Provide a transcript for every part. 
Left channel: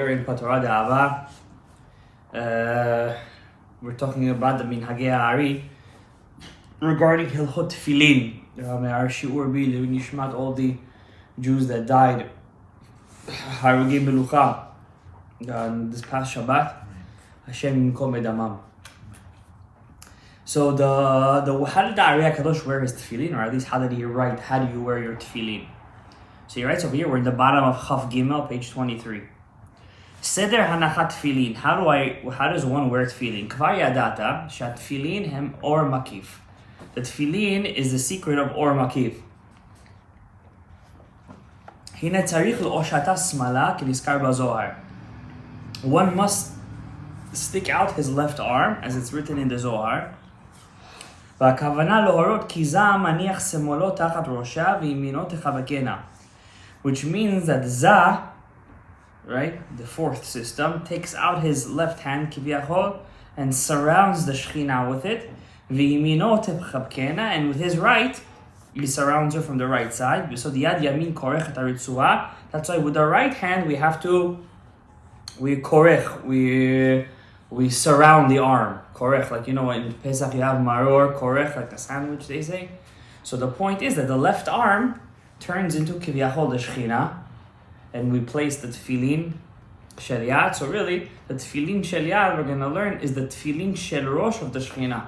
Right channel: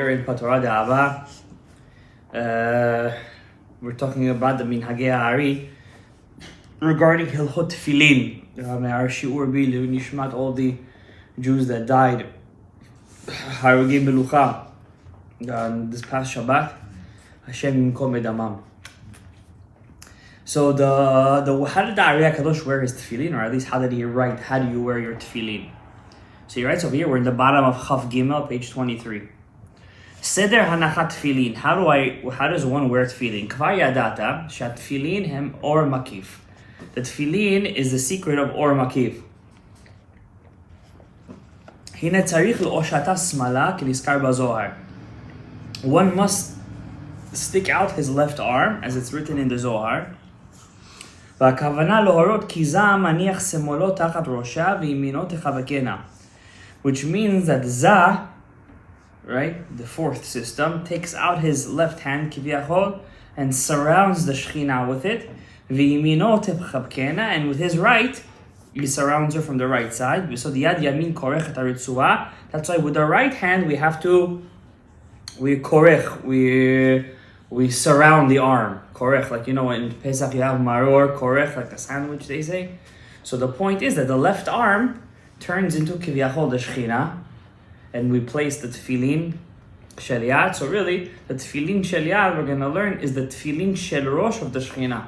are in TORAH Da'ava. We're talking about the Minhagei Ha'ari regarding Hilchot Tefillin. Our shiur be nishmat all the Jews that died Harugei Belucha this past Shabbat. Hashem Yinkom Edamam. So how did the Ari HaKadosh wear his tefillin, or at least how did he write? How do you wear your tefillin? So he writes over here. We're in the bottom of Chaf Gimel, page 23. Seder Hanachat Tefillin. How does one wear tefillin? Kvar yadata shatefillin hem or makif. The tefillin is the secret of or makif. Hine tzarich le'oshata smala k'nizkar bazohar. One must stick out his left arm, as it's written in the Zohar. והכוונה להורות כי זה מניח שמאלו תחת ראשה וימינו תחבקנה. Which means that Za, right, the fourth system, takes out his left hand, כביכול, and surrounds the Shekhinah with it. וימינו תחבקנה, and with his right, he surrounds her from the right side. So the yad yamin korech et haritzua. That's why with the right hand we surround the arm. Korech, like in Pesach you have maror, korech, like the sandwich they say. So the point is that the left arm turns into kiviyachol the Shekhinah, and we place the tefillin shel yad. So really, the tefillin shel yad we're going to learn is the tefillin shel rosh of the Shekhinah.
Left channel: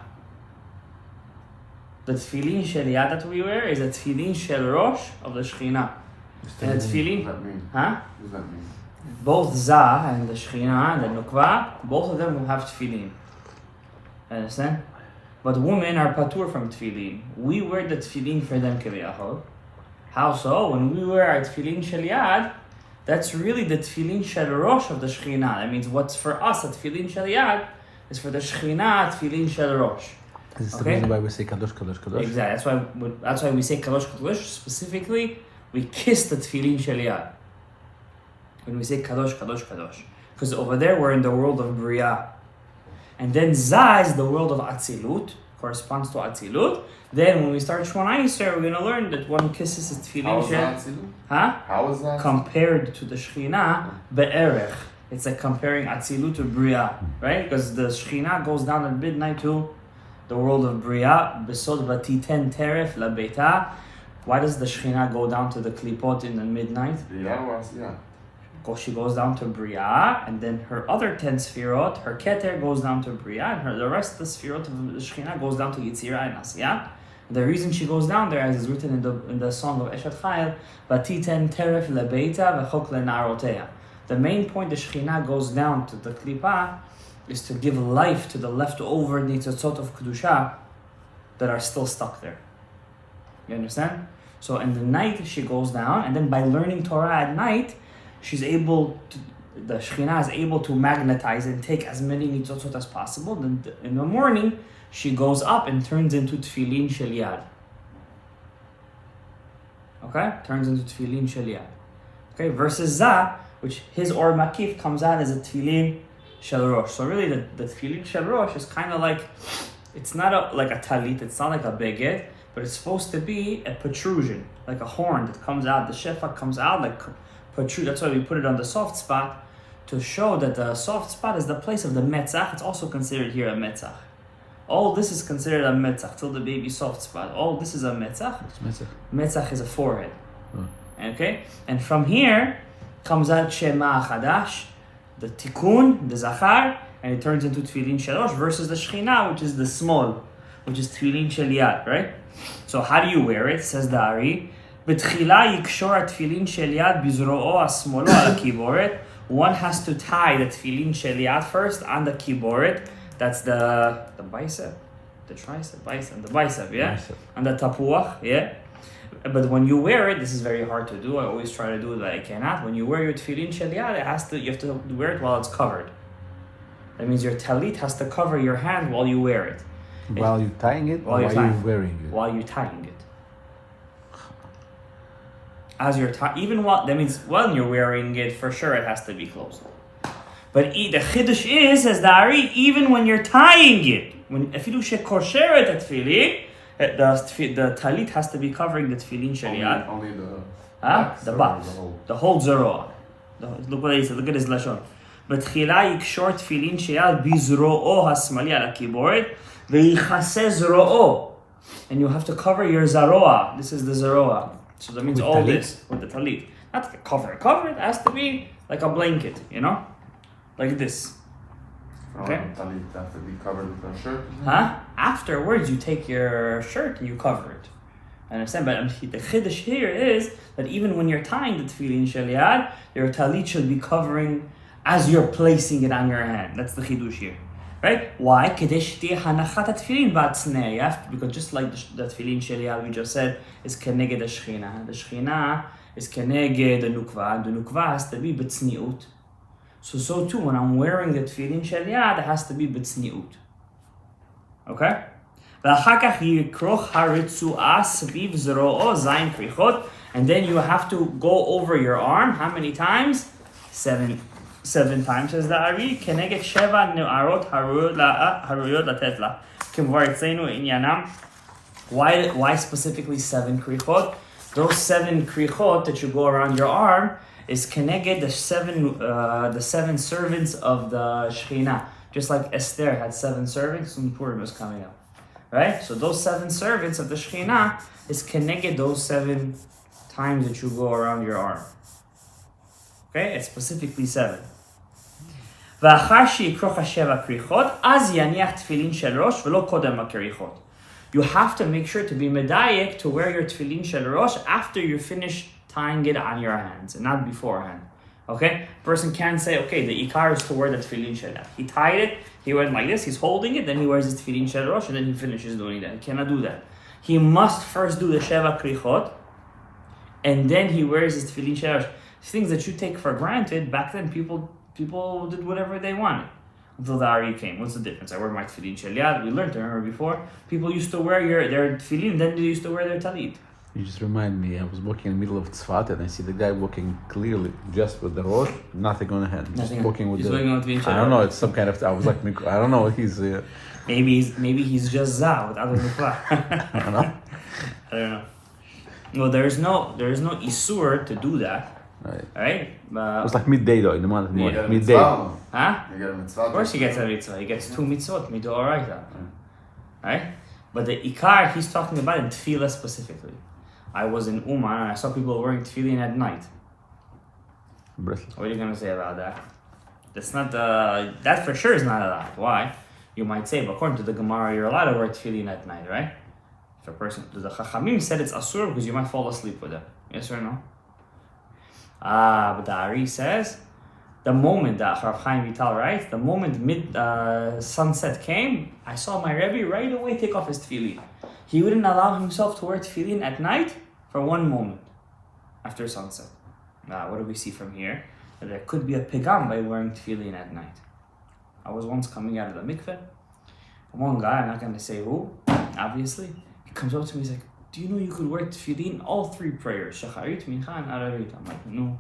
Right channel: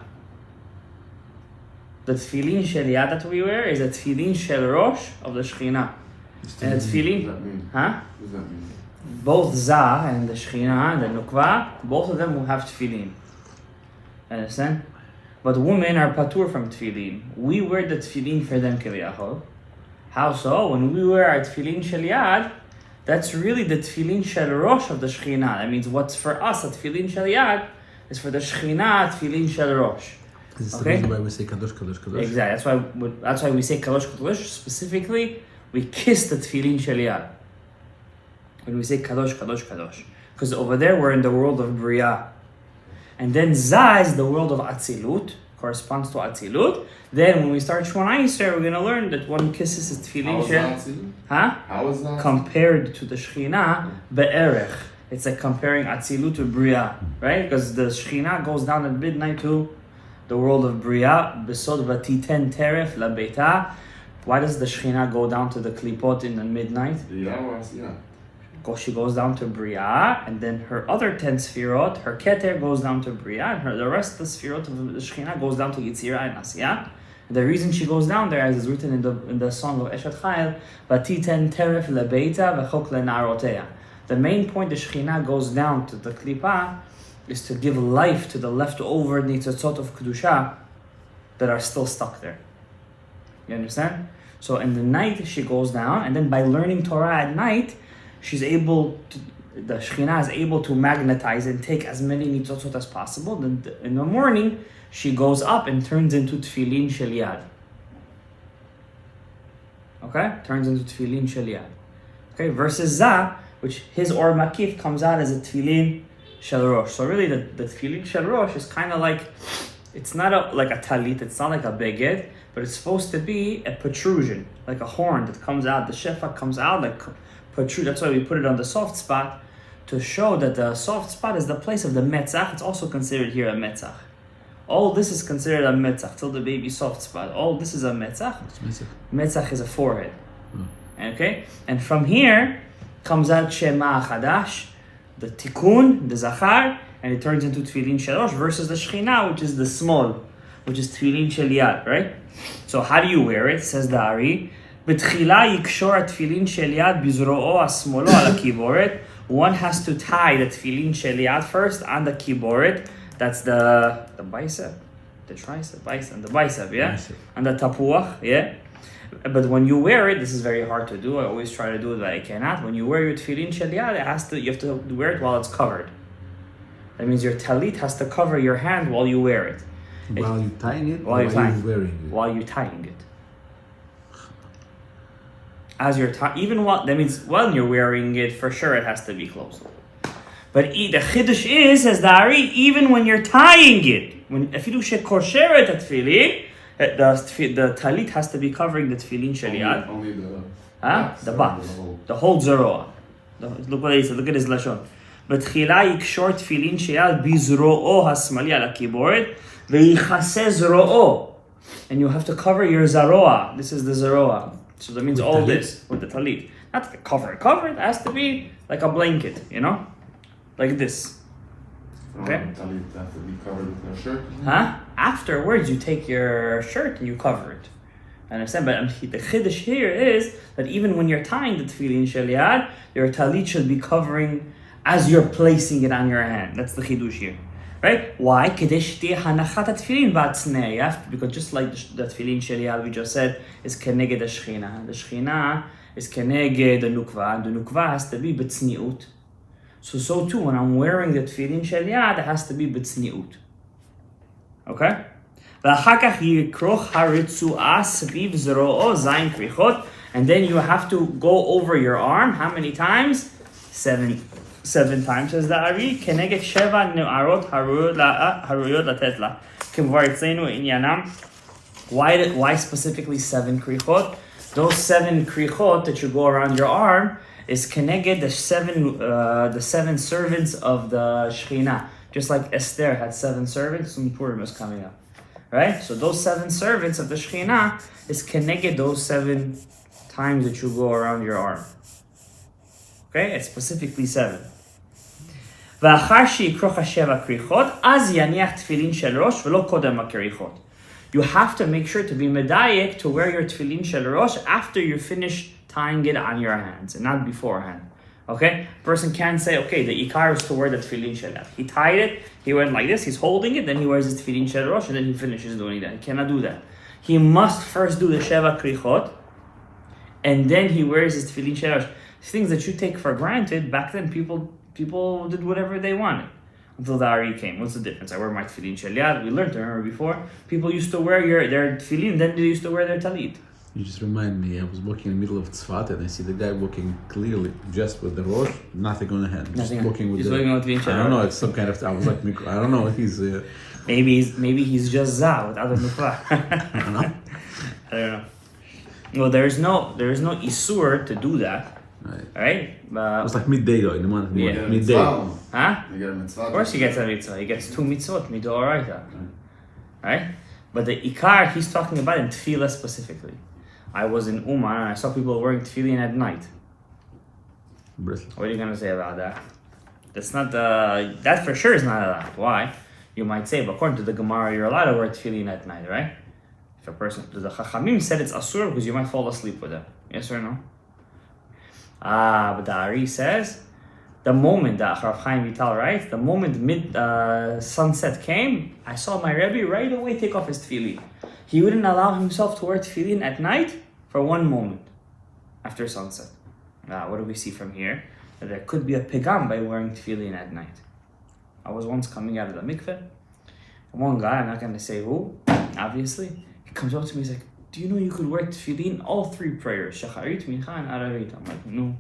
The tefillin shel yad that we wear is the tefillin shel rosh of the Shekhinah. And the tefillin, what does that mean? huh? What does that mean? Both Za and the Shekhinah and the Nukva, both of them will have tefillin. Understand? But women are patur from tefillin. We wear the tefillin for them, kiviyachol. How so? When we wear our tefillin shel yad, that's really the tefillin shel rosh of the Shekhinah. That means what's for us, the tefillin shel yad, is for the Shekhinah, tefillin shel rosh. This Okay? is why we say kadosh, kadosh, kadosh. Exactly. That's why we say kadosh, kadosh. Specifically, we kiss the tefillin shel yad when we say kadosh, kadosh, kadosh. Because over there we're in the world of Bria. And then Za is the world of Atzilut, corresponds to Atzilut. Then when we start Shmona Yisrael, we're going to learn that one kisses his tefillin shel. Huh? How is that? Compared to the Shekhinah, be'erech. It's like comparing Atzilut to Bria, right? Because the Shekhinah goes down at midnight to the world of Bria. Besod vatiten teref la beita. Why does the Shekhinah go down to the klipot in the midnight? Yeah. She goes down to Bria, and then her other 10 sfirot, her Keter goes down to Bria, and the rest of the sfirot of the Shekhinah goes down to Yitzira and Asiyah. The reason she goes down there, as is written in the song of Eshet Chayil, Vatiten teref lebeita v'chok lenaroteya. The main point the Shekhinah goes down to the Klipah is to give life to the leftover nitzotzot of Kedusha that are still stuck there. You understand? So in the night she goes down, and then by learning Torah at night, the Shekhinah is able to magnetize and take as many nitzotzot as possible. Then in the morning, she goes up and turns into tefillin shel yad. Okay? Turns into tefillin shel yad. Okay? Versus Za, which his or makif comes out as a tefillin shel rosh. So really, the tefillin shel rosh is kind of like, it's not like a talit, it's not like a beged, but it's supposed to be a protrusion, like a horn that comes out, the shefa comes out like protrude. That's why we put it on the soft spot, to show that the soft spot is the place of the metzach. It's also considered here a metzach. All this is considered a metzach, till the baby soft spot. All this is a metzach. Metzach is a forehead. Okay? And from here comes out Shema Chadash, the tikkun, the zachar, and it turns into tefillin shel rosh, versus the Shekhinah, which is the small, which is tefillin shel yad, right? So how do you wear it? Says the Ari. בתחילה יקשור התפילין של יד בזרועו השמאלו על הקיבורת. One has to tie the tefillin shel yad first on the kiboret. That's the bicep, the tricep, bicep, the bicep, yeah? Bicep. And the tapuach, yeah? But when you wear it, this is very hard to do. I always try to do it, but I cannot. When you wear your tefillin shel yad, you have to wear it while it's covered. That means your talit has to cover your hand while you wear it. While you're tying it, while you're wearing it? While you're tying it. As you're even while, that means when you're wearing it, for sure it has to be closed. But the chiddush is, says the Ari, even when you're tying it, when afilu shekosheret tefillin, the talit has to be covering the tefillin shel yad. Only the the back, the whole zeroah. Look what he said. Look at his lashon. בתחילה יקשור תפילין שיד בזרועו השמאלי על הכיבורת ויכסה זרועו. And you have to cover your zaroa. This is the zaroa. So that means all this with the talit. Not cover it. It has to be like a blanket, you know? Like this. Okay? Talit has to be covered with a shirt. Huh? Afterwards, you take your shirt and you cover it. I understand, but the chiddush here is that even when you're tying the tefillin shel yad, your talit should be covering as you're placing it on your hand. That's the chiddush here. Right? Why? Because just like the tefillin shel yad we just said is keneged the shechina. The shechina is keneged the nukva. The nukva has to be b'tzniut. So too, when I'm wearing the tefillin shel yad, it has to be b'tzniut. Okay? And then you have to go over your arm. How many times? 7 times, says the Ari. Keneged sheva ne'arot haruyot latet la. K'var etzleinu inyanam. Why specifically 7 krichot? Those 7 krichot that you go around your arm is keneged the 7 servants of the Shekhinah. Just like Esther had 7 servants, when Purim is coming up. Right? So those 7 servants of the Shekhinah is keneged those 7 times that you go around your arm. Okay? It's specifically 7. ואחר שיקרוך 7 כריכות, אז יניח תפילין של ראש ולא קודם הכריכות. You have to make sure to be medayek to wear your tefillin shel rosh after you finish tying it on your hands and not beforehand. Okay? Person can't say, okay, the ikar is to wear the tefillin shel yad. He tied it, he went like this, he's holding it, then he wears his tefillin shel rosh, and then he finishes doing that. He cannot do that. He must first do the sheva krichot, and then he wears his tefillin shel rosh. Things that you take for granted, back then people did whatever they wanted. Until the Ari came. What's the difference? I wear my tefillin shel yad. We learned, remember before, people used to wear their tefillin, then they used to wear their talit. You just remind me, I was walking in the middle of Tzfat and I see the guy walking clearly just with the rosh, nothing on the hand. Nothing. Walking with He's the, walking with tefillin shel I don't know, it's some kind of, I was like, I don't know if he's... Maybe he's just za with other nukva. I don't know. I don't know. Well, there is no isur to do that. Right? It was like midday though, in the month of midday. Huh? You get a mitzvah. Of course he gets a mitzvah. He gets 2 mitzvot, midoraita. Right? But the ikar he's talking about in tefillah specifically. I was in Uman and I saw people wearing tefillin at night. What are you going to say about that? That's not that for sure is not allowed. Why? You might say, but according to the Gemara, you're allowed to wear tefillin at night, right? If a person, the Chachamim said it's asur because you might fall asleep with it. Yes or no? But the Ari says, the moment that Rav Chaim Vital writes, the moment sunset came, I saw my Rebbe right away take off his tefillin. He wouldn't allow himself to wear tefillin at night for 1 moment after sunset. What do we see from here? That there could be a pigam by wearing tefillin at night. I was once coming out of the mikveh. One guy, I'm not going to say who, obviously, he comes up to me, he's like, do you know you could wear tefillin all 3 prayers? Shacharit, Mincha, and Aravit. I'm like, no.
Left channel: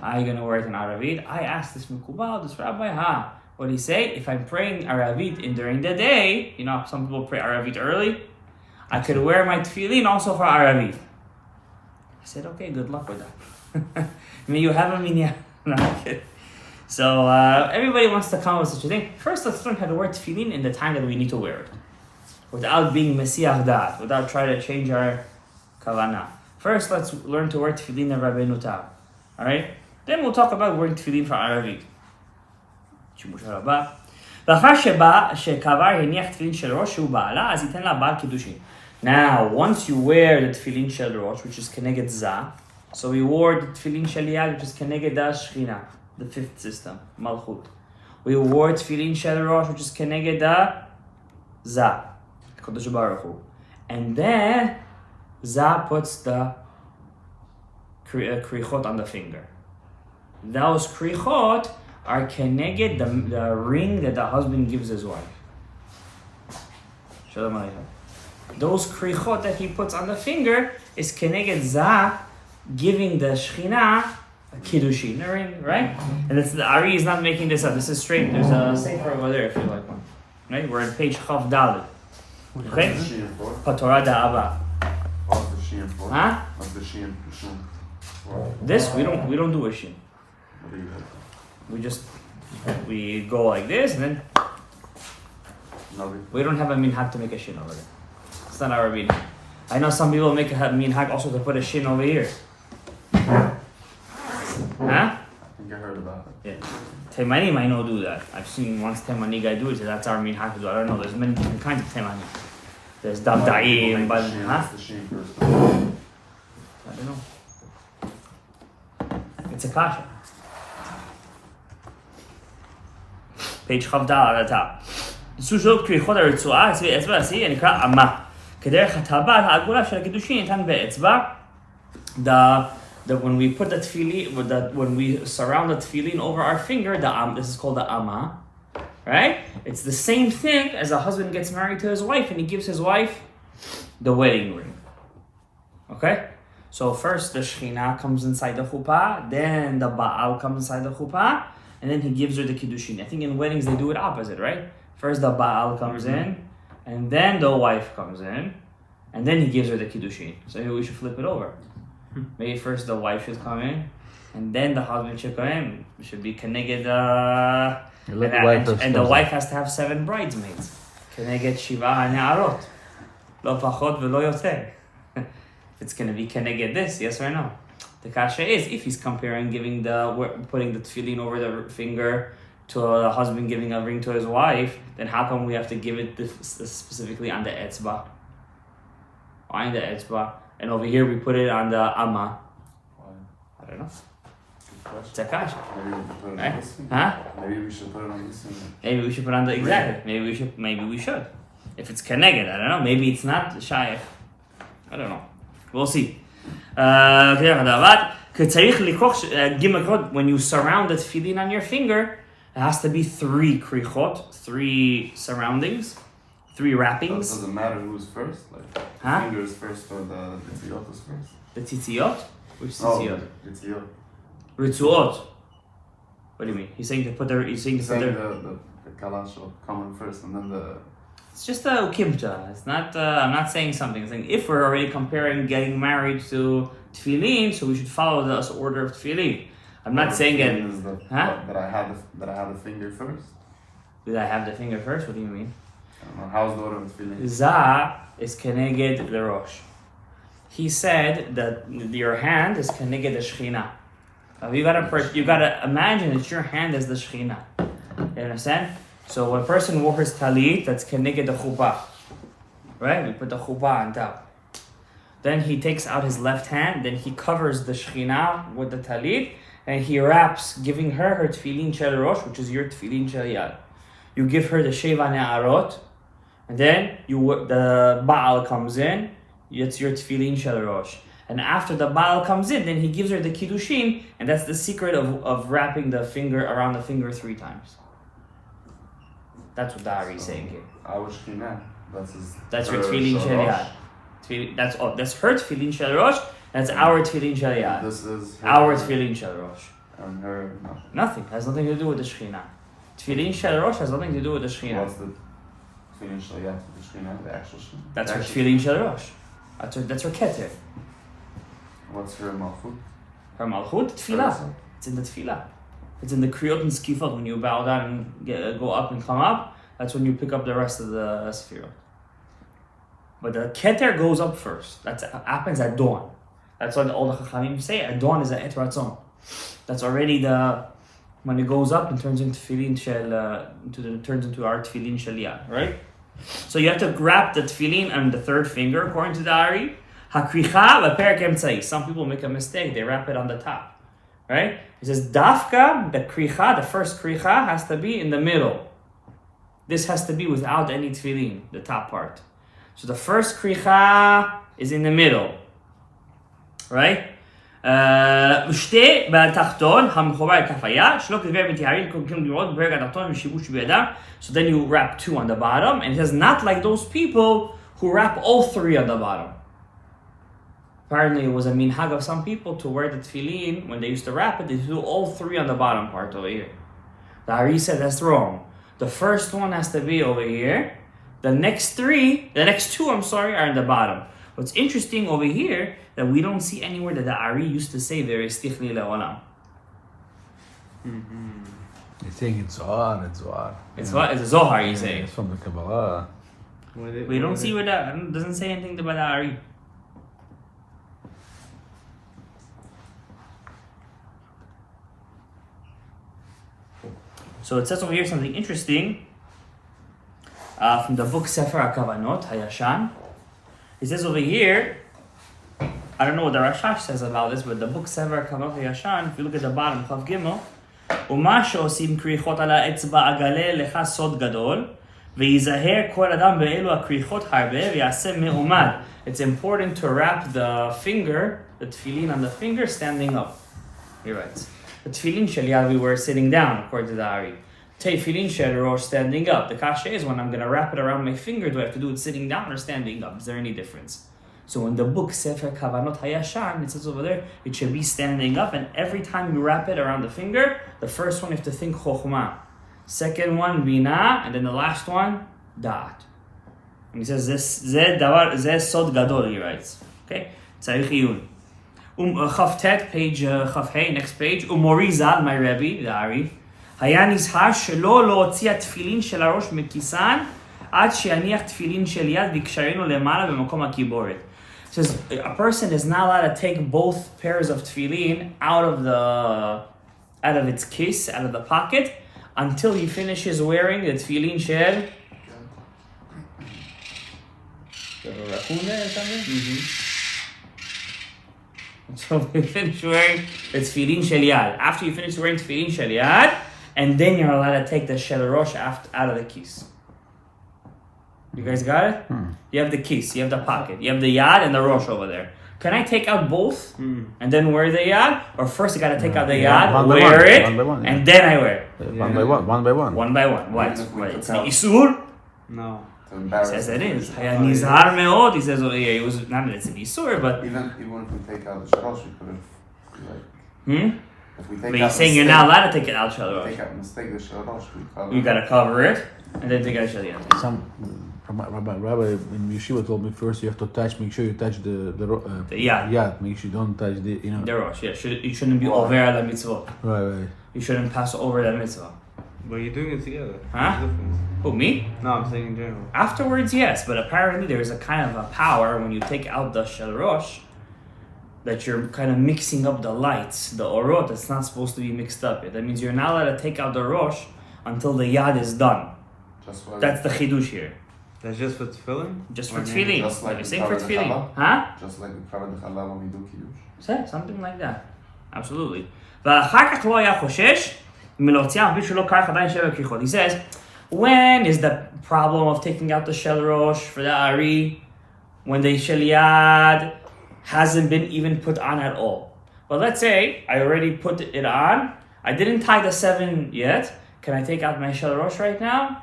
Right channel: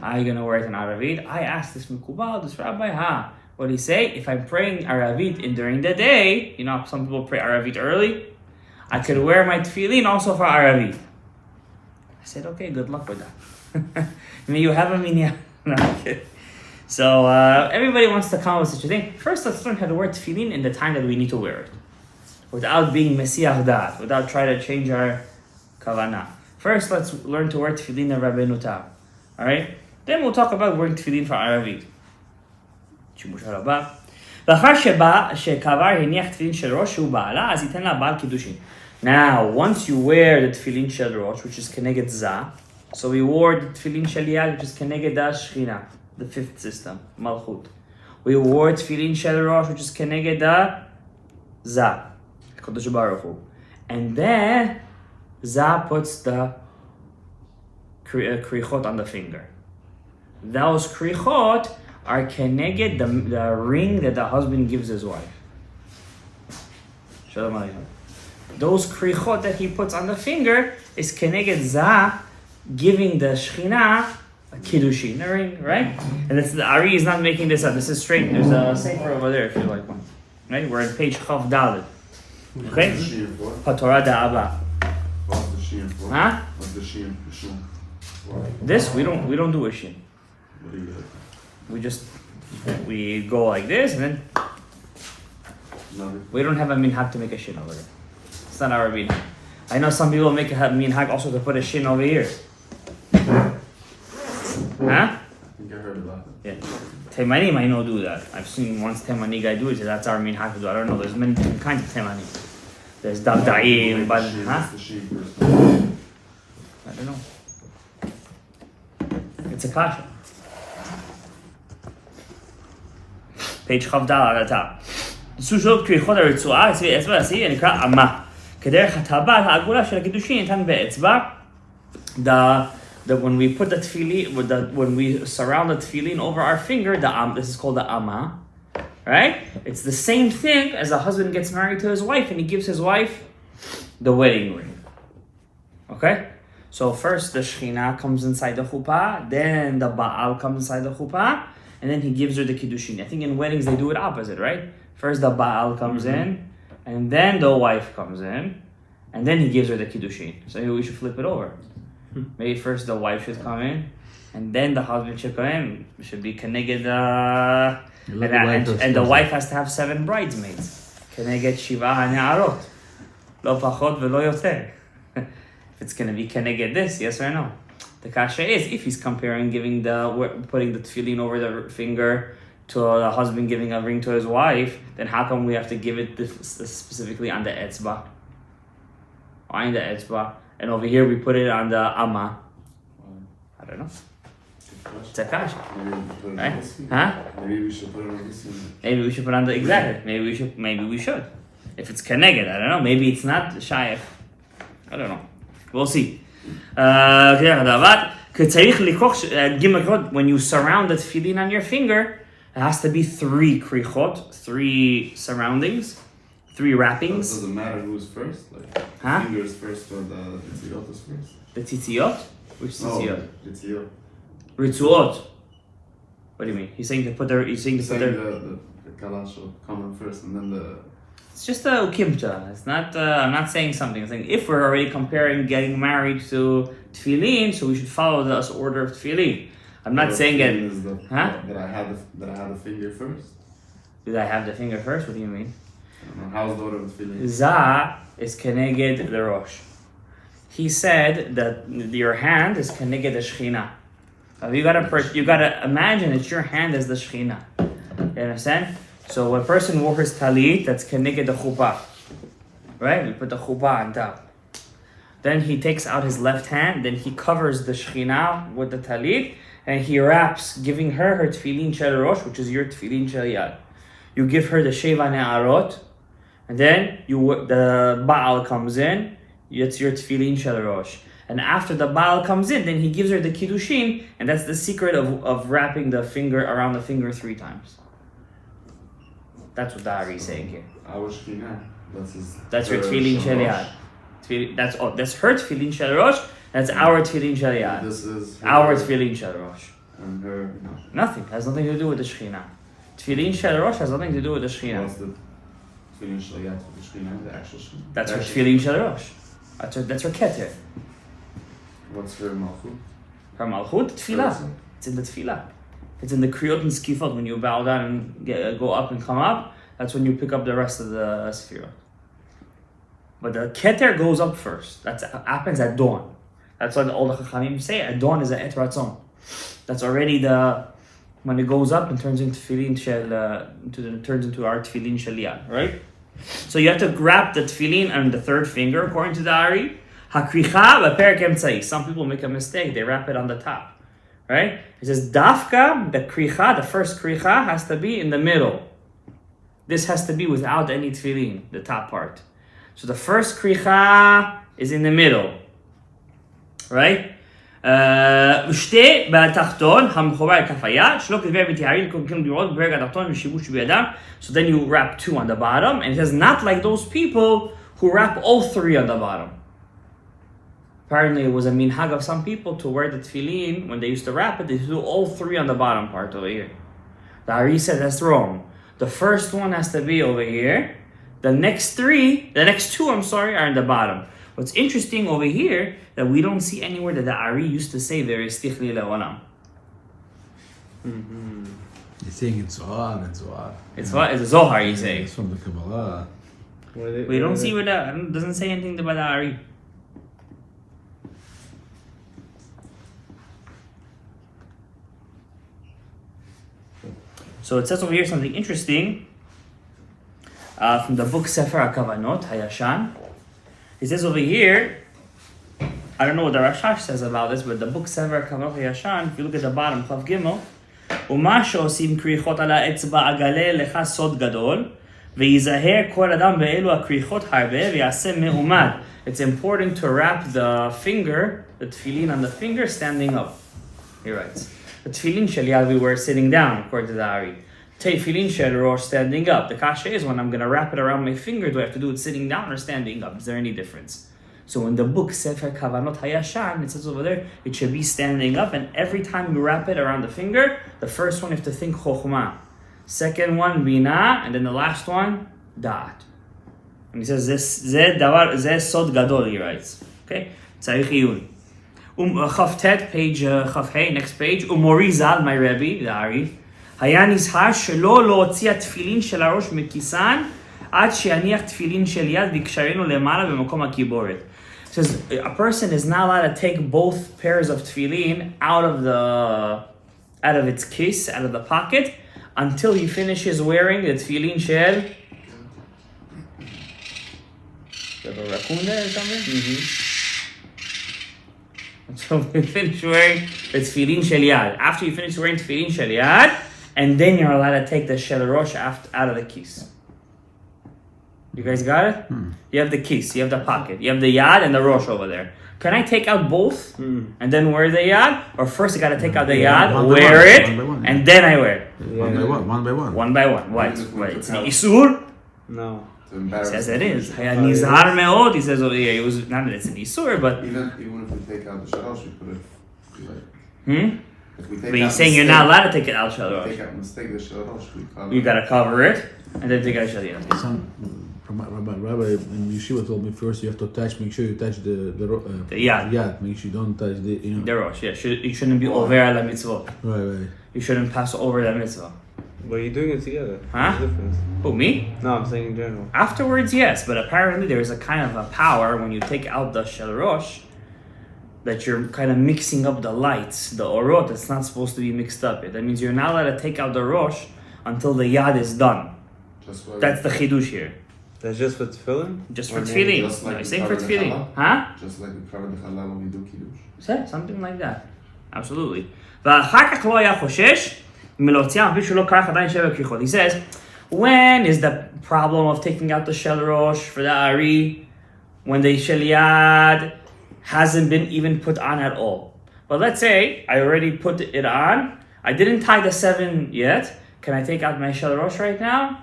How are you going to wear it in Aravit? I asked this Mukubal, this rabbi, what did he say? If I'm praying Aravit during the day, you know, some people pray Aravit early, I could wear my tefillin also for Aravit. I said, okay, good luck with that. May you have a minyan. No, I'm kidding. So everybody wants to come with such a thing. First, let's learn how to wear tefillin in the time that we need to wear it, without being mesiach dat, without trying to change our kavanah. First, let's learn to wear tefillin of Rabbeinu Tam. All right. Then we'll talk about wearing tefillin for Aravit. שימוש הרבה. ואחר שקבר הניח תפילין של ראש שהוא בעלה, אז ייתן לה בעל קידושין. Now, once you wear the tefillin shel rosh, which is keneged za, so we wore the tefillin shel yad, which is keneged da shechina, the 5th system, malchut. We wore tefillin shel rosh, which is keneged da za, Kadosh Baruch Hu. And then za puts the krichot on the finger. Those krichot are keneged the ring that the husband gives his wife. Shalom Aleichem. Those krichot that he puts on the finger is keneged za, giving the Shekhinah a kiddushin, a ring, right? And the Ari is not making this up. This is straight. There's a sefer over there if you like one. Right? We're on page Chav Dalet. Okay? TORAH da'aba. What's the shiur for? Huh? What's the shiur for? This we don't do a shin. What do you do? We go like this, and then Nothing. we don't have a minhag to make a shin over there. It's not our minhag. I know some people make a minhag also to put a shin over here. Huh? I think I heard about it. Yeah. Temanim might not do that. I've seen once Temani guy do it, so that's our minhag to do. I don't know, there's many different kinds of Temani. There's Dabda'im, but huh? That's the sheen first. I don't know. It's a kasha. page כ"ד על התא. סוג כריכות הרצועה, אצבע השיא, נקרא אמה. כדרך הטבעת העגולה של הקידושין ניתן באצבע. When we put the tefillin, when we surround the tefillin over our finger, this is called the ama, right? It's the same thing as a husband gets married to his wife and he gives his wife the wedding ring. Okay? So first the Shekhinah comes inside the chuppah, then the Baal comes inside the chuppah, and then he gives her the kiddushin. I think in weddings they do it opposite, right? First the Baal comes in, and then the wife comes in, and then he gives her the kiddushin. So maybe we should flip it over. Maybe first the wife should come in, and then the husband should come in. It should be keneged, and the wife has to have 7 bridesmaids. Keneged shiva ha'ne'arot. Lo pachot velo yoter. If it's going to be keneged this, yes or no? The kasha is, if he's comparing putting the tefillin over the finger to the husband giving a ring to his wife, then how come we have to give it specifically on the etzba? On the etzba. And over here we put it on the amma. I don't know. It's a kasha. Right? Huh? Maybe we should put it on this. Maybe we should put on the exactly. Maybe we should. If it's keneged, I don't know. Maybe it's not shayef. I don't know. We'll see. When you surround the tefillin on your finger, it has to be 3 krichot, 3 surroundings, 3 wrappings. Does it matter who's first? Like, Huh? fingers first or the tzitzit is first? The tzitzit? Which tzitzit? No, tzitzit. Ritzuot. What do you mean? He's saying to put the. The kalash will come in first and then the. It's just a ukimta. It's not. I'm not saying something. I'm saying if we're already comparing getting married to tefillin, so we should follow this order of tefillin. I'm not saying it. That I had the finger first. Did I have the finger first? What do you mean? I don't know. How's the order of tefillin? Za is keneged the rosh. He said that your hand is keneged the shechina. You gotta imagine it's your hand as the shechina. You understand? So when a person wore his talit, that's keneged the chuppah, right? We put the chuppah on top. Then he takes out his left hand, then he covers the shechina with the talit, and he wraps, giving her tefillin shel rosh, which is your tefillin shel yad. You give her the sheva ne'arot, and then the Baal comes in, it's your tefillin shel rosh. And after the Baal comes in, then he gives her the kiddushin, and that's the secret of wrapping the finger around the finger 3 times. That's what the Ari is saying here. Our shechina. That's your tefillin shel yad. That's her tefillin shel rosh. That's our tefillin shel yad. This is our tefillin shel rosh. And her Nothing. Has nothing to do with the shechina. Tefillin shel rosh has nothing to do with the shechina. What's the tefillin shel yad? The shechina, the actual shechina. That's her tefillin shel rosh. That's her keter. What's her malchut? Her malchut, tefillah. It's in the tefillah. It's in the kriyot and skifot. When you bow down and go up and come up, that's when you pick up the rest of the sefirot. But the keter goes up first. That happens at dawn. That's what all the chachamim say. At dawn is an et ratzon. That's already when it goes up and turns into tefillin turns into our tefillin shel yad, right? So you have to wrap the tefillin on the 3rd finger, according to the Ari. Hakricha v'perek emtzai. Some people make a mistake. They wrap it on the top, right? It says dafka, the kricha, the first kricha has to be in the middle. This has to be without any tefillin, the top part. So the first kricha is in the middle, right? ושתי בתחתון, המחובר לכף היד, שלא כדבר מתייערים כמובן לראות בפרק התחתון ושיבוש בידם. So then you wrap 2 on the bottom, and it says not like those people who wrap all 3 on the bottom. Apparently it was a minhag of some people to wear the tefillin, when they used to wrap it, they do all 3 on the bottom part over here. The Ari said that's wrong. The first one has to be over here. The next 2, are in the bottom. What's interesting over here, that we don't see anywhere that the Ari used to say there is tichli le'olam. You're saying it's Zohar and Zohar. It's what? It's a Zohar, you say. It's from the Kabbalah. We don't see where that doesn't say anything about the Ari. So it says over here something interesting from the book Sefer HaKavanot, Hayashan. It says over here, I don't know what the Rashash says about this, but the book Sefer HaKavanot Hayashan, if you look at the bottom, Chav Gimel, ומה שעושים כריכות על האצבע אגלה לך סוד גדול ויזהר כל אדם באלו הכריכות הרבה ויעשה מעומד. It's important to wrap the finger, the tefillin on the finger, standing up. He writes. The tefillin shel yad we were sitting down, according to the Ari. Tefillin shel rosh standing up. The kasha is when I'm going to wrap it around my finger, do I have to do it sitting down or standing up? Is there any difference? So in the book Sefer Kavanot Hayashan, it says over there, it should be standing up, and every time you wrap it around the finger, the first one you have to think chokhmah, second one bina, and then the last one da'at. And he says zeh sod gadol, he writes. Okay, tzarich iyun. Chavtet, page Chavhei, next page. Umori Zal, my Rebbe, the Ari, היה נזהר שלא להוציא התפילין של הראש מכיסן עד שיניח תפילין של יד ויקשרנו למעלה במקום הקיבורת. It says a person is not allowed to take both pairs of tefillin out of its case, out of the pocket, until he finishes wearing the tefillin shel. You have a raccoon there or something? So we finish wearing the tefillin shel yad. After you finish wearing tefillin shel yad, and then you're allowed to take the shel rosh out of the keys. You guys got it? You have the keys, you have the pocket, you have the yad and the rosh over there. Can I take out both and then wear the yad? Or first you gotta take out the yad, wear it, and then I wear it? One by one. One by one. What? It's an isur? No. He says it is. Haya nizhar me'od, he says over here. It was not that it's an isur, but Even if we take out the shalosh, we could have like. If we take but out he's saying you're not allowed to take it out Take shalosh. out mistake the shalosh, we cover. You gotta cover it and then take out shal yad. Some Rabbi in Yeshiva told me first you have to touch, make sure you touch the yad. yad, make sure you don't touch the, you know. The rosh, yeah. You shouldn't be over la mitzvah. Right. You shouldn't pass over the mitzvah. But you're doing it together. Huh? What's the difference? Who, me? No, I'm saying in general. Afterwards, yes, but apparently there is a kind of a power when you take out the shel rosh that you're kind of mixing up the lights, the orot that's not supposed to be mixed up. That means you're not allowed to take out the rosh until the yad is done. That's the chidush here. That's just for tefillin? Just for Just tefillin. like I'm we saying for cover the tefillin. challah? Huh? Just like we cover the challah when we do kiddush. Something like that. Absolutely. ואחר כך לא היה חושש מלהוציאה אפילו שלא כרך עדיין שבע כריכות. He says, when is the problem of taking out the shel rosh for the Ari when the shel yad hasn't been even put on at all? But let's say I already put it on. I didn't tie the 7 yet. Can I take out my shel rosh right now?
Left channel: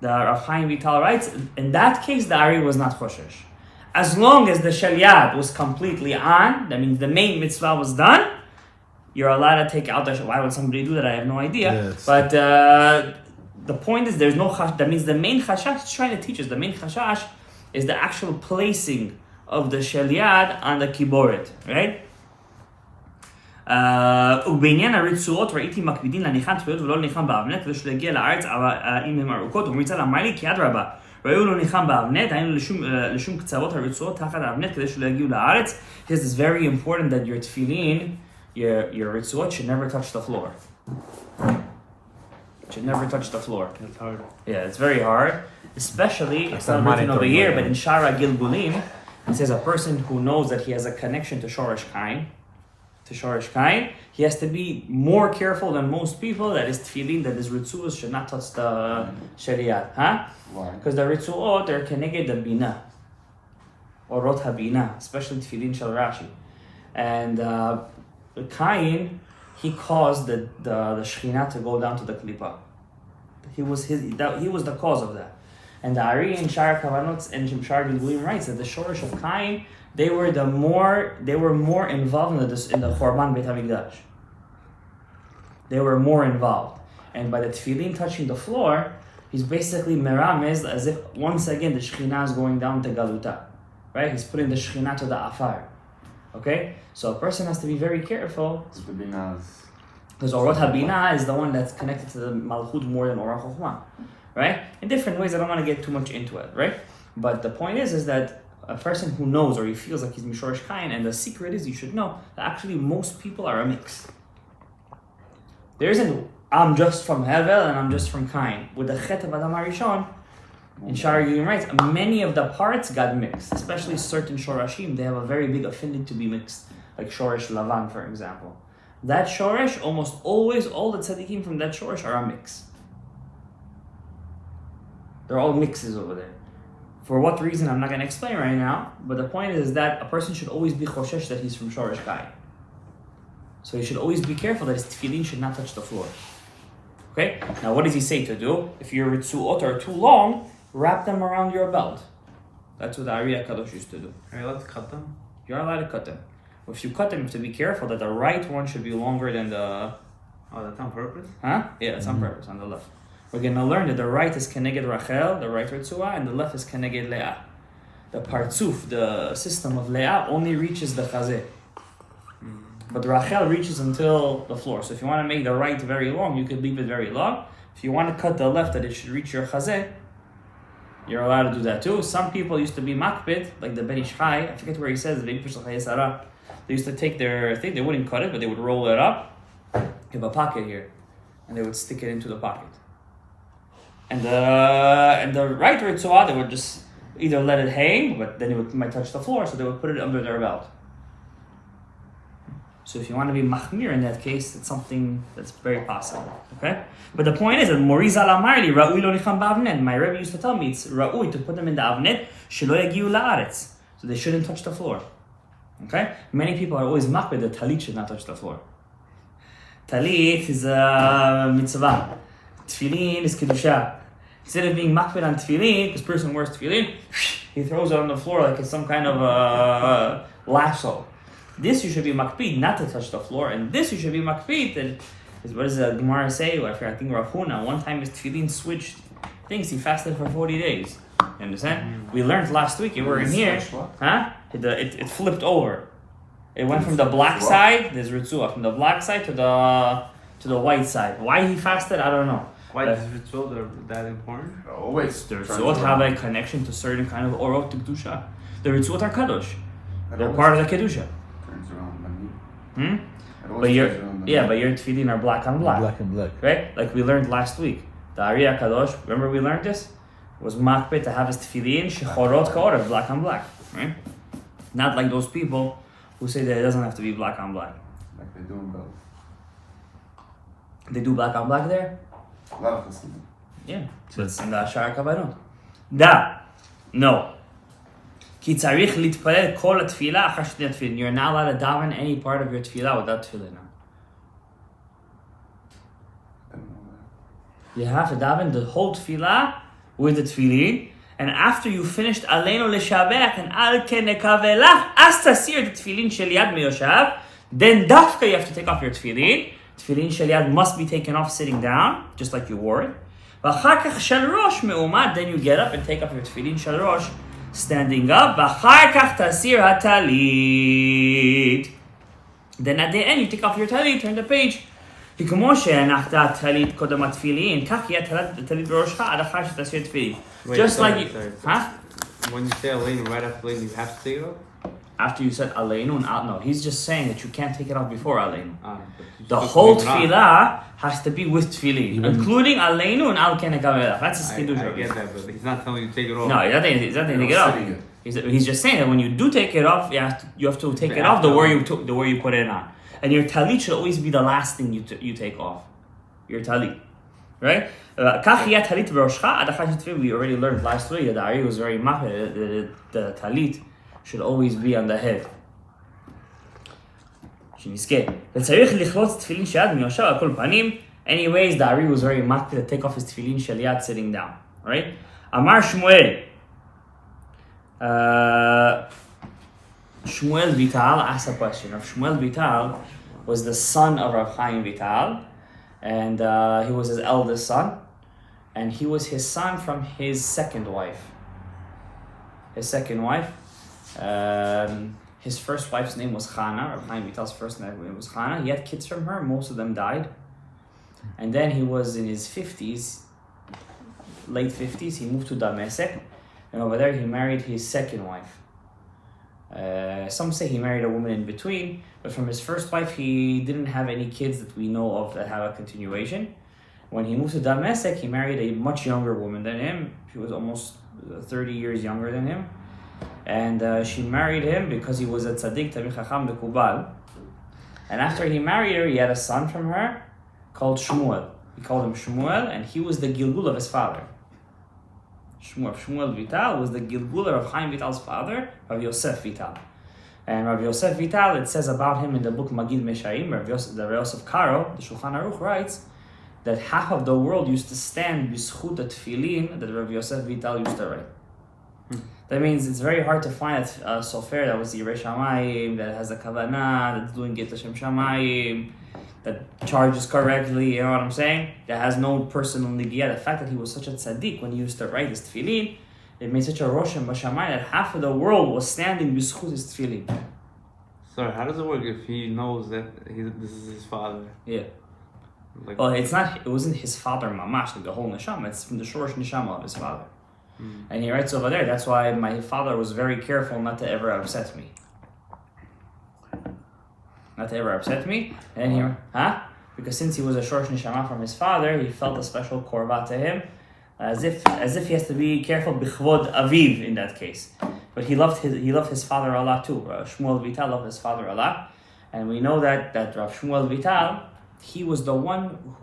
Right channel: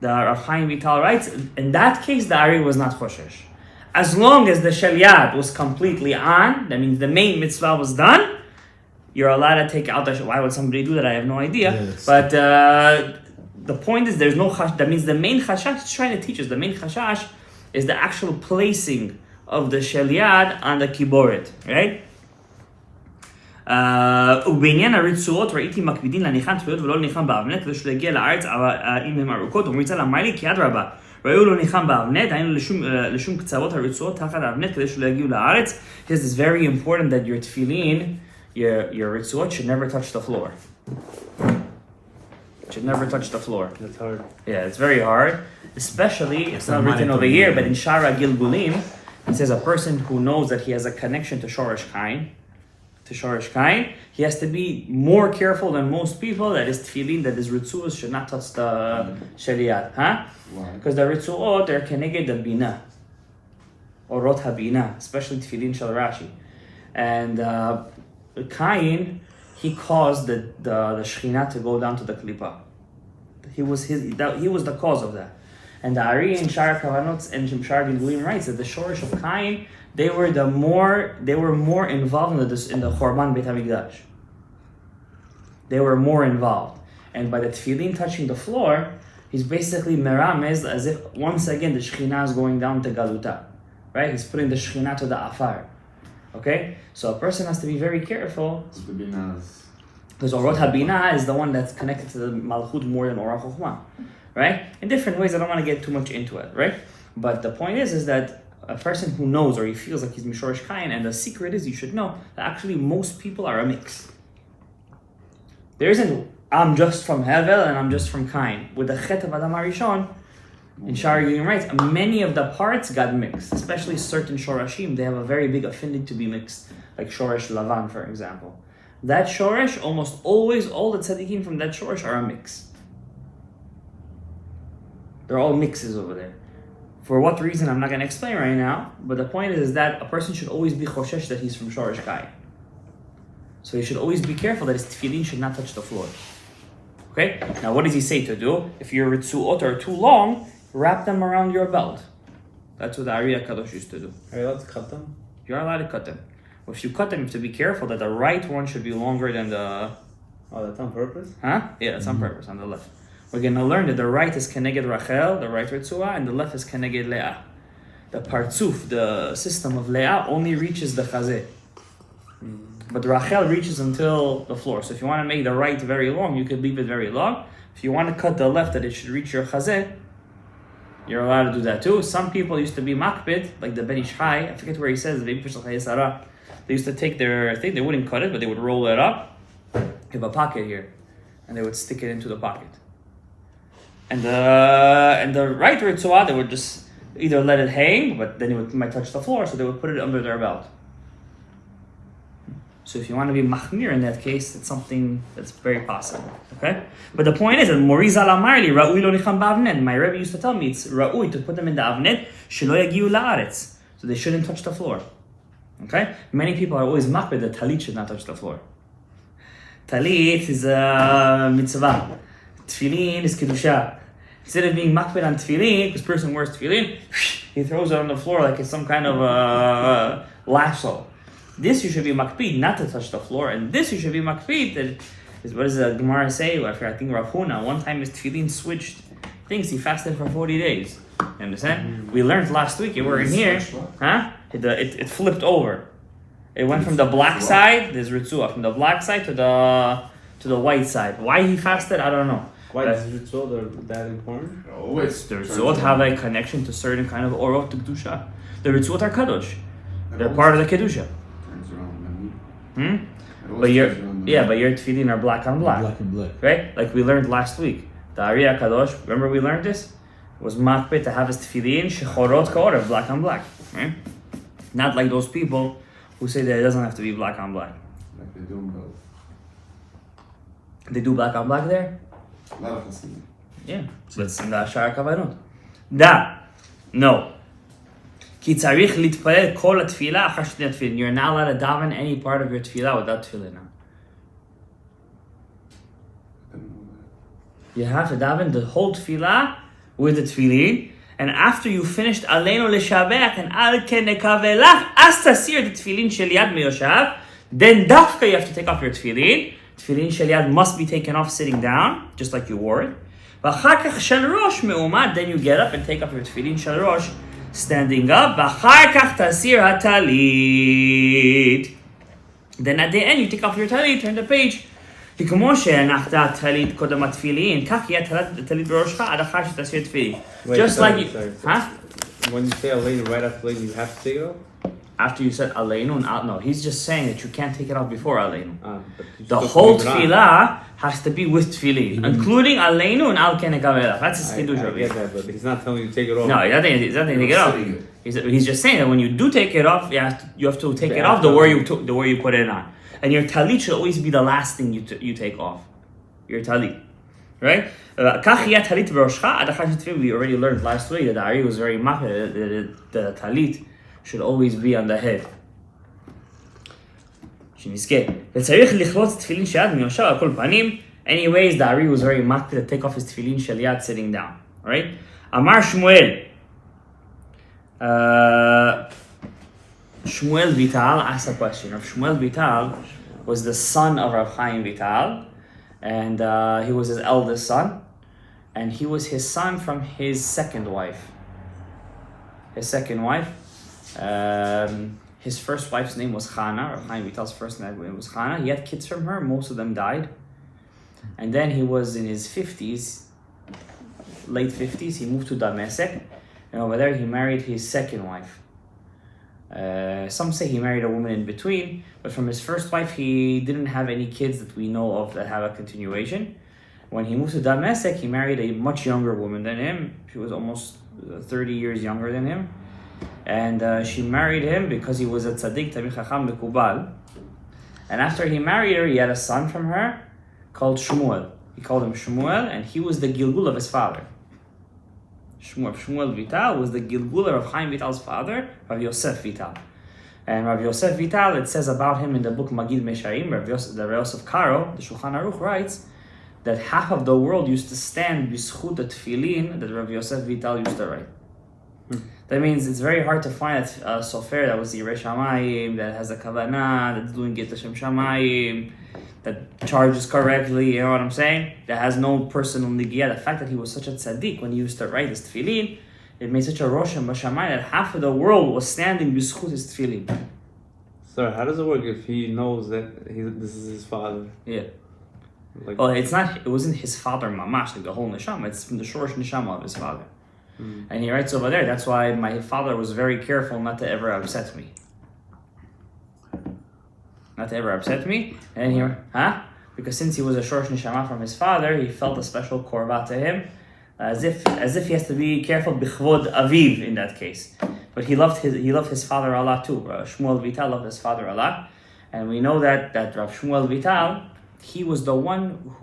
The Rav Chaim Vital writes, in that case, the Ari was not choshesh. As long as the shel yad was completely on, that means the main mitzvah was done, you're allowed to take out the shel. Why would somebody do that? I have no idea. Yes. But the point is, there's no chash. That means the main chashash is trying to teach us. The main chashash is the actual placing of the shel yad on the kiboret, right? ובעניין הרצועות ראיתי מקפידין להניחן תפילות ולא להניחן באבנת כדי שלא יגיע לארץ אם הן ארוכות ומריצה אמר לי כי אדרבה ראו לא להניחן באבנת היינו לשום קצוות הרצועות תחת האבנת כדי שלא יגיעו לארץ. This is very important that your tefillin, your רצועות should never touch the floor. Should never touch the floor. That's hard. Yeah, it's very hard. Especially, it's not written over here, but in Shara Gilbulim, it says a person who knows that he has a connection to Shoresh Kain, he has to be more careful than most people that his tefillin, that his ritzuos should not touch the shariat. Huh? Why? Because the ritzuot, they're connected the bina. Orot habina, especially tefillin shel Rashi. And Kain, he caused the Shekhinah to go down to the Klippa. He was the cause of that. And the Ari and Shar Kavanot and Shimshar Gilgulim writes that the Shorish of Kain, they were more involved in the Chorban Beit HaMikdash. They were more involved. And by the tefillin touching the floor, he's basically meramez as if once again the Shekhinah is going down to Galuta. Right? He's putting the Shekhinah to the Afar. Okay? So a person has to be very careful. So the binah is Because Orot Habina is the one that's connected to the Malchut more than Orah Chokhmah, right? In different ways, I don't want to get too much into it, right? But the point is that a person who knows or he feels like he's Mishorish Kain, and the secret is you should know that actually most people are a mix. There isn't, I'm just from Hevel and I'm just from Kain. With the Chet of Adam HaRishon, in Shari Gillim writes, many of the parts got mixed, especially certain Shorashim, they have a very big affinity to be mixed, like Shoresh Lavan, for example. That Shoresh, almost always, all the tzaddikim from that Shoresh are a mix. They're all mixes over there. For what reason, I'm not going to explain right now, but the point is that a person should always be choshesh that he's from Shoresh Kain. So he should always be careful that his tefillin should not touch the floor. Okay? Now what does he say to do? If your ritzuot are too long, wrap them around your belt. That's what the Ari HaKadosh used to do. Are you allowed to cut them? You're allowed to cut them. But if you cut them, you have to be careful that the right one should be longer than the... Oh, that's on purpose? Huh? Yeah, that's on purpose, on the left. We're going to learn that the right is Keneged Rachel, the right Ritzua, and the left is Keneged Leah. The Partzuf, the system of Leah, only reaches the Chazeh. But Rachel reaches until the floor. So if you want to make the right very long, you could leave it very long. If you want to cut the left that it should reach your Chazeh, you're allowed to do that too. Some people used to be makbid, like the Ben Ish Chai, I forget where he says, they used to take their thing, they wouldn't cut it, but they would roll it up. They have a pocket here, and they would stick it into the pocket. And the right Ritzua, they would just either let it hang, but then it might touch the floor, so they would put it under their belt. So if you want to be machmir in that case, it's something that's very possible. Okay? But the point is that Morizal Amarli, Ra'ui lo nicham ba'avnet. My Rebbe used to tell me it's Ra'ui to put them in the avnet, shelo yagiu la'aretz. So they shouldn't touch the floor. Okay? Many people are always makbid that talit should not touch the floor. Talit is a mitzvah. Tefillin is kedusha. Instead of being makbid on tefillin, because person wears tefillin, he throws it on the floor like it's some kind of lasso. This you should be makpid, not to touch the floor, and this you should be makpid. What does the Gemara say? I think Rav Huna, one time his tefillin switched things, he fasted for 40 days. You understand? We learned last week, you were in here, huh? It flipped over. It went from the black side, there's Ritzua, from the black side to the white side. Why he fasted, I don't know. Why is ritual that important? Always. The Ritzuot have a connection to certain kind of Orot to Kedusha. The Ritzuot are Kadosh. They're part of the Kedusha. But your tefillin are black on black. Black and black. Right? Like we learned last week. The Ari HaKadosh, remember we learned this? It was makbet to have his tefillin shechorot ka'orev, black on black. Right? Not like those people who say that it doesn't have to be black on black. Like they do in Bel. They do black on black there? A lot of Hasidim. Yeah. So it's in the Shara Kavanot. Da. No. Ki tzarich litpalel kol tefillah achar shnei tefillin. You're not allowed to daven any part of your tefillah without tefillin. You have to daven the whole tefillah with the tefillin, and after you finished Aleinu l'shabech and al ken nekavelach as tasir the tefillin shel yad meyoshav, then dafka you have to take off your tefillin. Tefillin shel yad must be taken off sitting down, just like you wore it. V'achar kach shel rosh me'umad, then you get up and take off your tefillin shel rosh standing up. V'achar kach tasir hatalit. Then at the end you take off your talit, turn the page. כמו שהנחת טלית קודם התפילין, כך יהיה טלית בראשך עד אחר שתסיר תפילין. Just like you, huh? When you say Aleinu right after Aleinu, you have to take it off? After you said Aleinu and Al, no, he's just saying that you can't take it off before Aleinu. The whole tefillah has to be with tefillin, including Aleinu and Al Kenegavela. That's his kiddush over here. But he's not telling you to take it off. No, he's not taking it off. He's just saying that when you do take it off, you have to take it off the way you put it on. And your talit should always be the last thing you take off. Your talit. Right? We already learned last week that the Ari was very mahir, that the talit should always be on the head. Anyways, the Ari was very mahir to take off his tefillin shel yad sitting down. Alright? Amar Shmuel. Shmuel Vital asked a question. Shmuel Vital was the son of Rav Chaim Vital, and he was his eldest son, and he was his son from his second wife. His first wife's name was Chana. Rav Chaim Vital's first name was Chana. He had kids from her. Most of them died. And then he was in his 50s, late 50s. He moved to Damascus. And over there he married his second wife. Some say he married a woman in between. But from his first wife, he didn't have any kids that we know of that have a continuation. When he moved to Damascus, he married a much younger woman than him. She was almost 30 years younger than him. And she married him because he was a tzaddik, Tamid Chacham Mekubal. And after he married her, he had a son from her called Shmuel. He called him Shmuel, and he was the Gilgul of his father. Shmuel Vital was the Gilgul of Chaim Vital's father, Rav Yosef Vital. And Rav Yosef Vital, it says about him in the book Magid Mesharim, the Rav Yosef Karo, the Shulchan Aruch writes, that half of the world used to stand b'schut the tefillin that Rav Yosef Vital used to write. That means it's very hard to find a sofer that was Yirei Shamayim, that has a kavanah, that's doing Get Hashem Shamayim, that charges correctly, you know what I'm saying? That has no personal nigiyah. The fact that he was such a tzaddik when he used to write his tefillin, it made such a roshem b'shamayim that half of the world was standing b'schut his tefillin. Sir, how does it work if he knows that this is his father? Yeah. Like, Well, it wasn't his father mamash, like the whole neshama. It's from the shorish neshama of his father. And he writes over there, that's why my father was very careful not to ever upset me. Not to ever upset me. And here, because since he was a shorish neshama from his father, he felt a special korba to him, as if he has to be careful b'chvod aviv in that case. But he loved his father a lot too. Shmuel Vital loved his father a lot, and we know that Rav Shmuel Vital, he was the one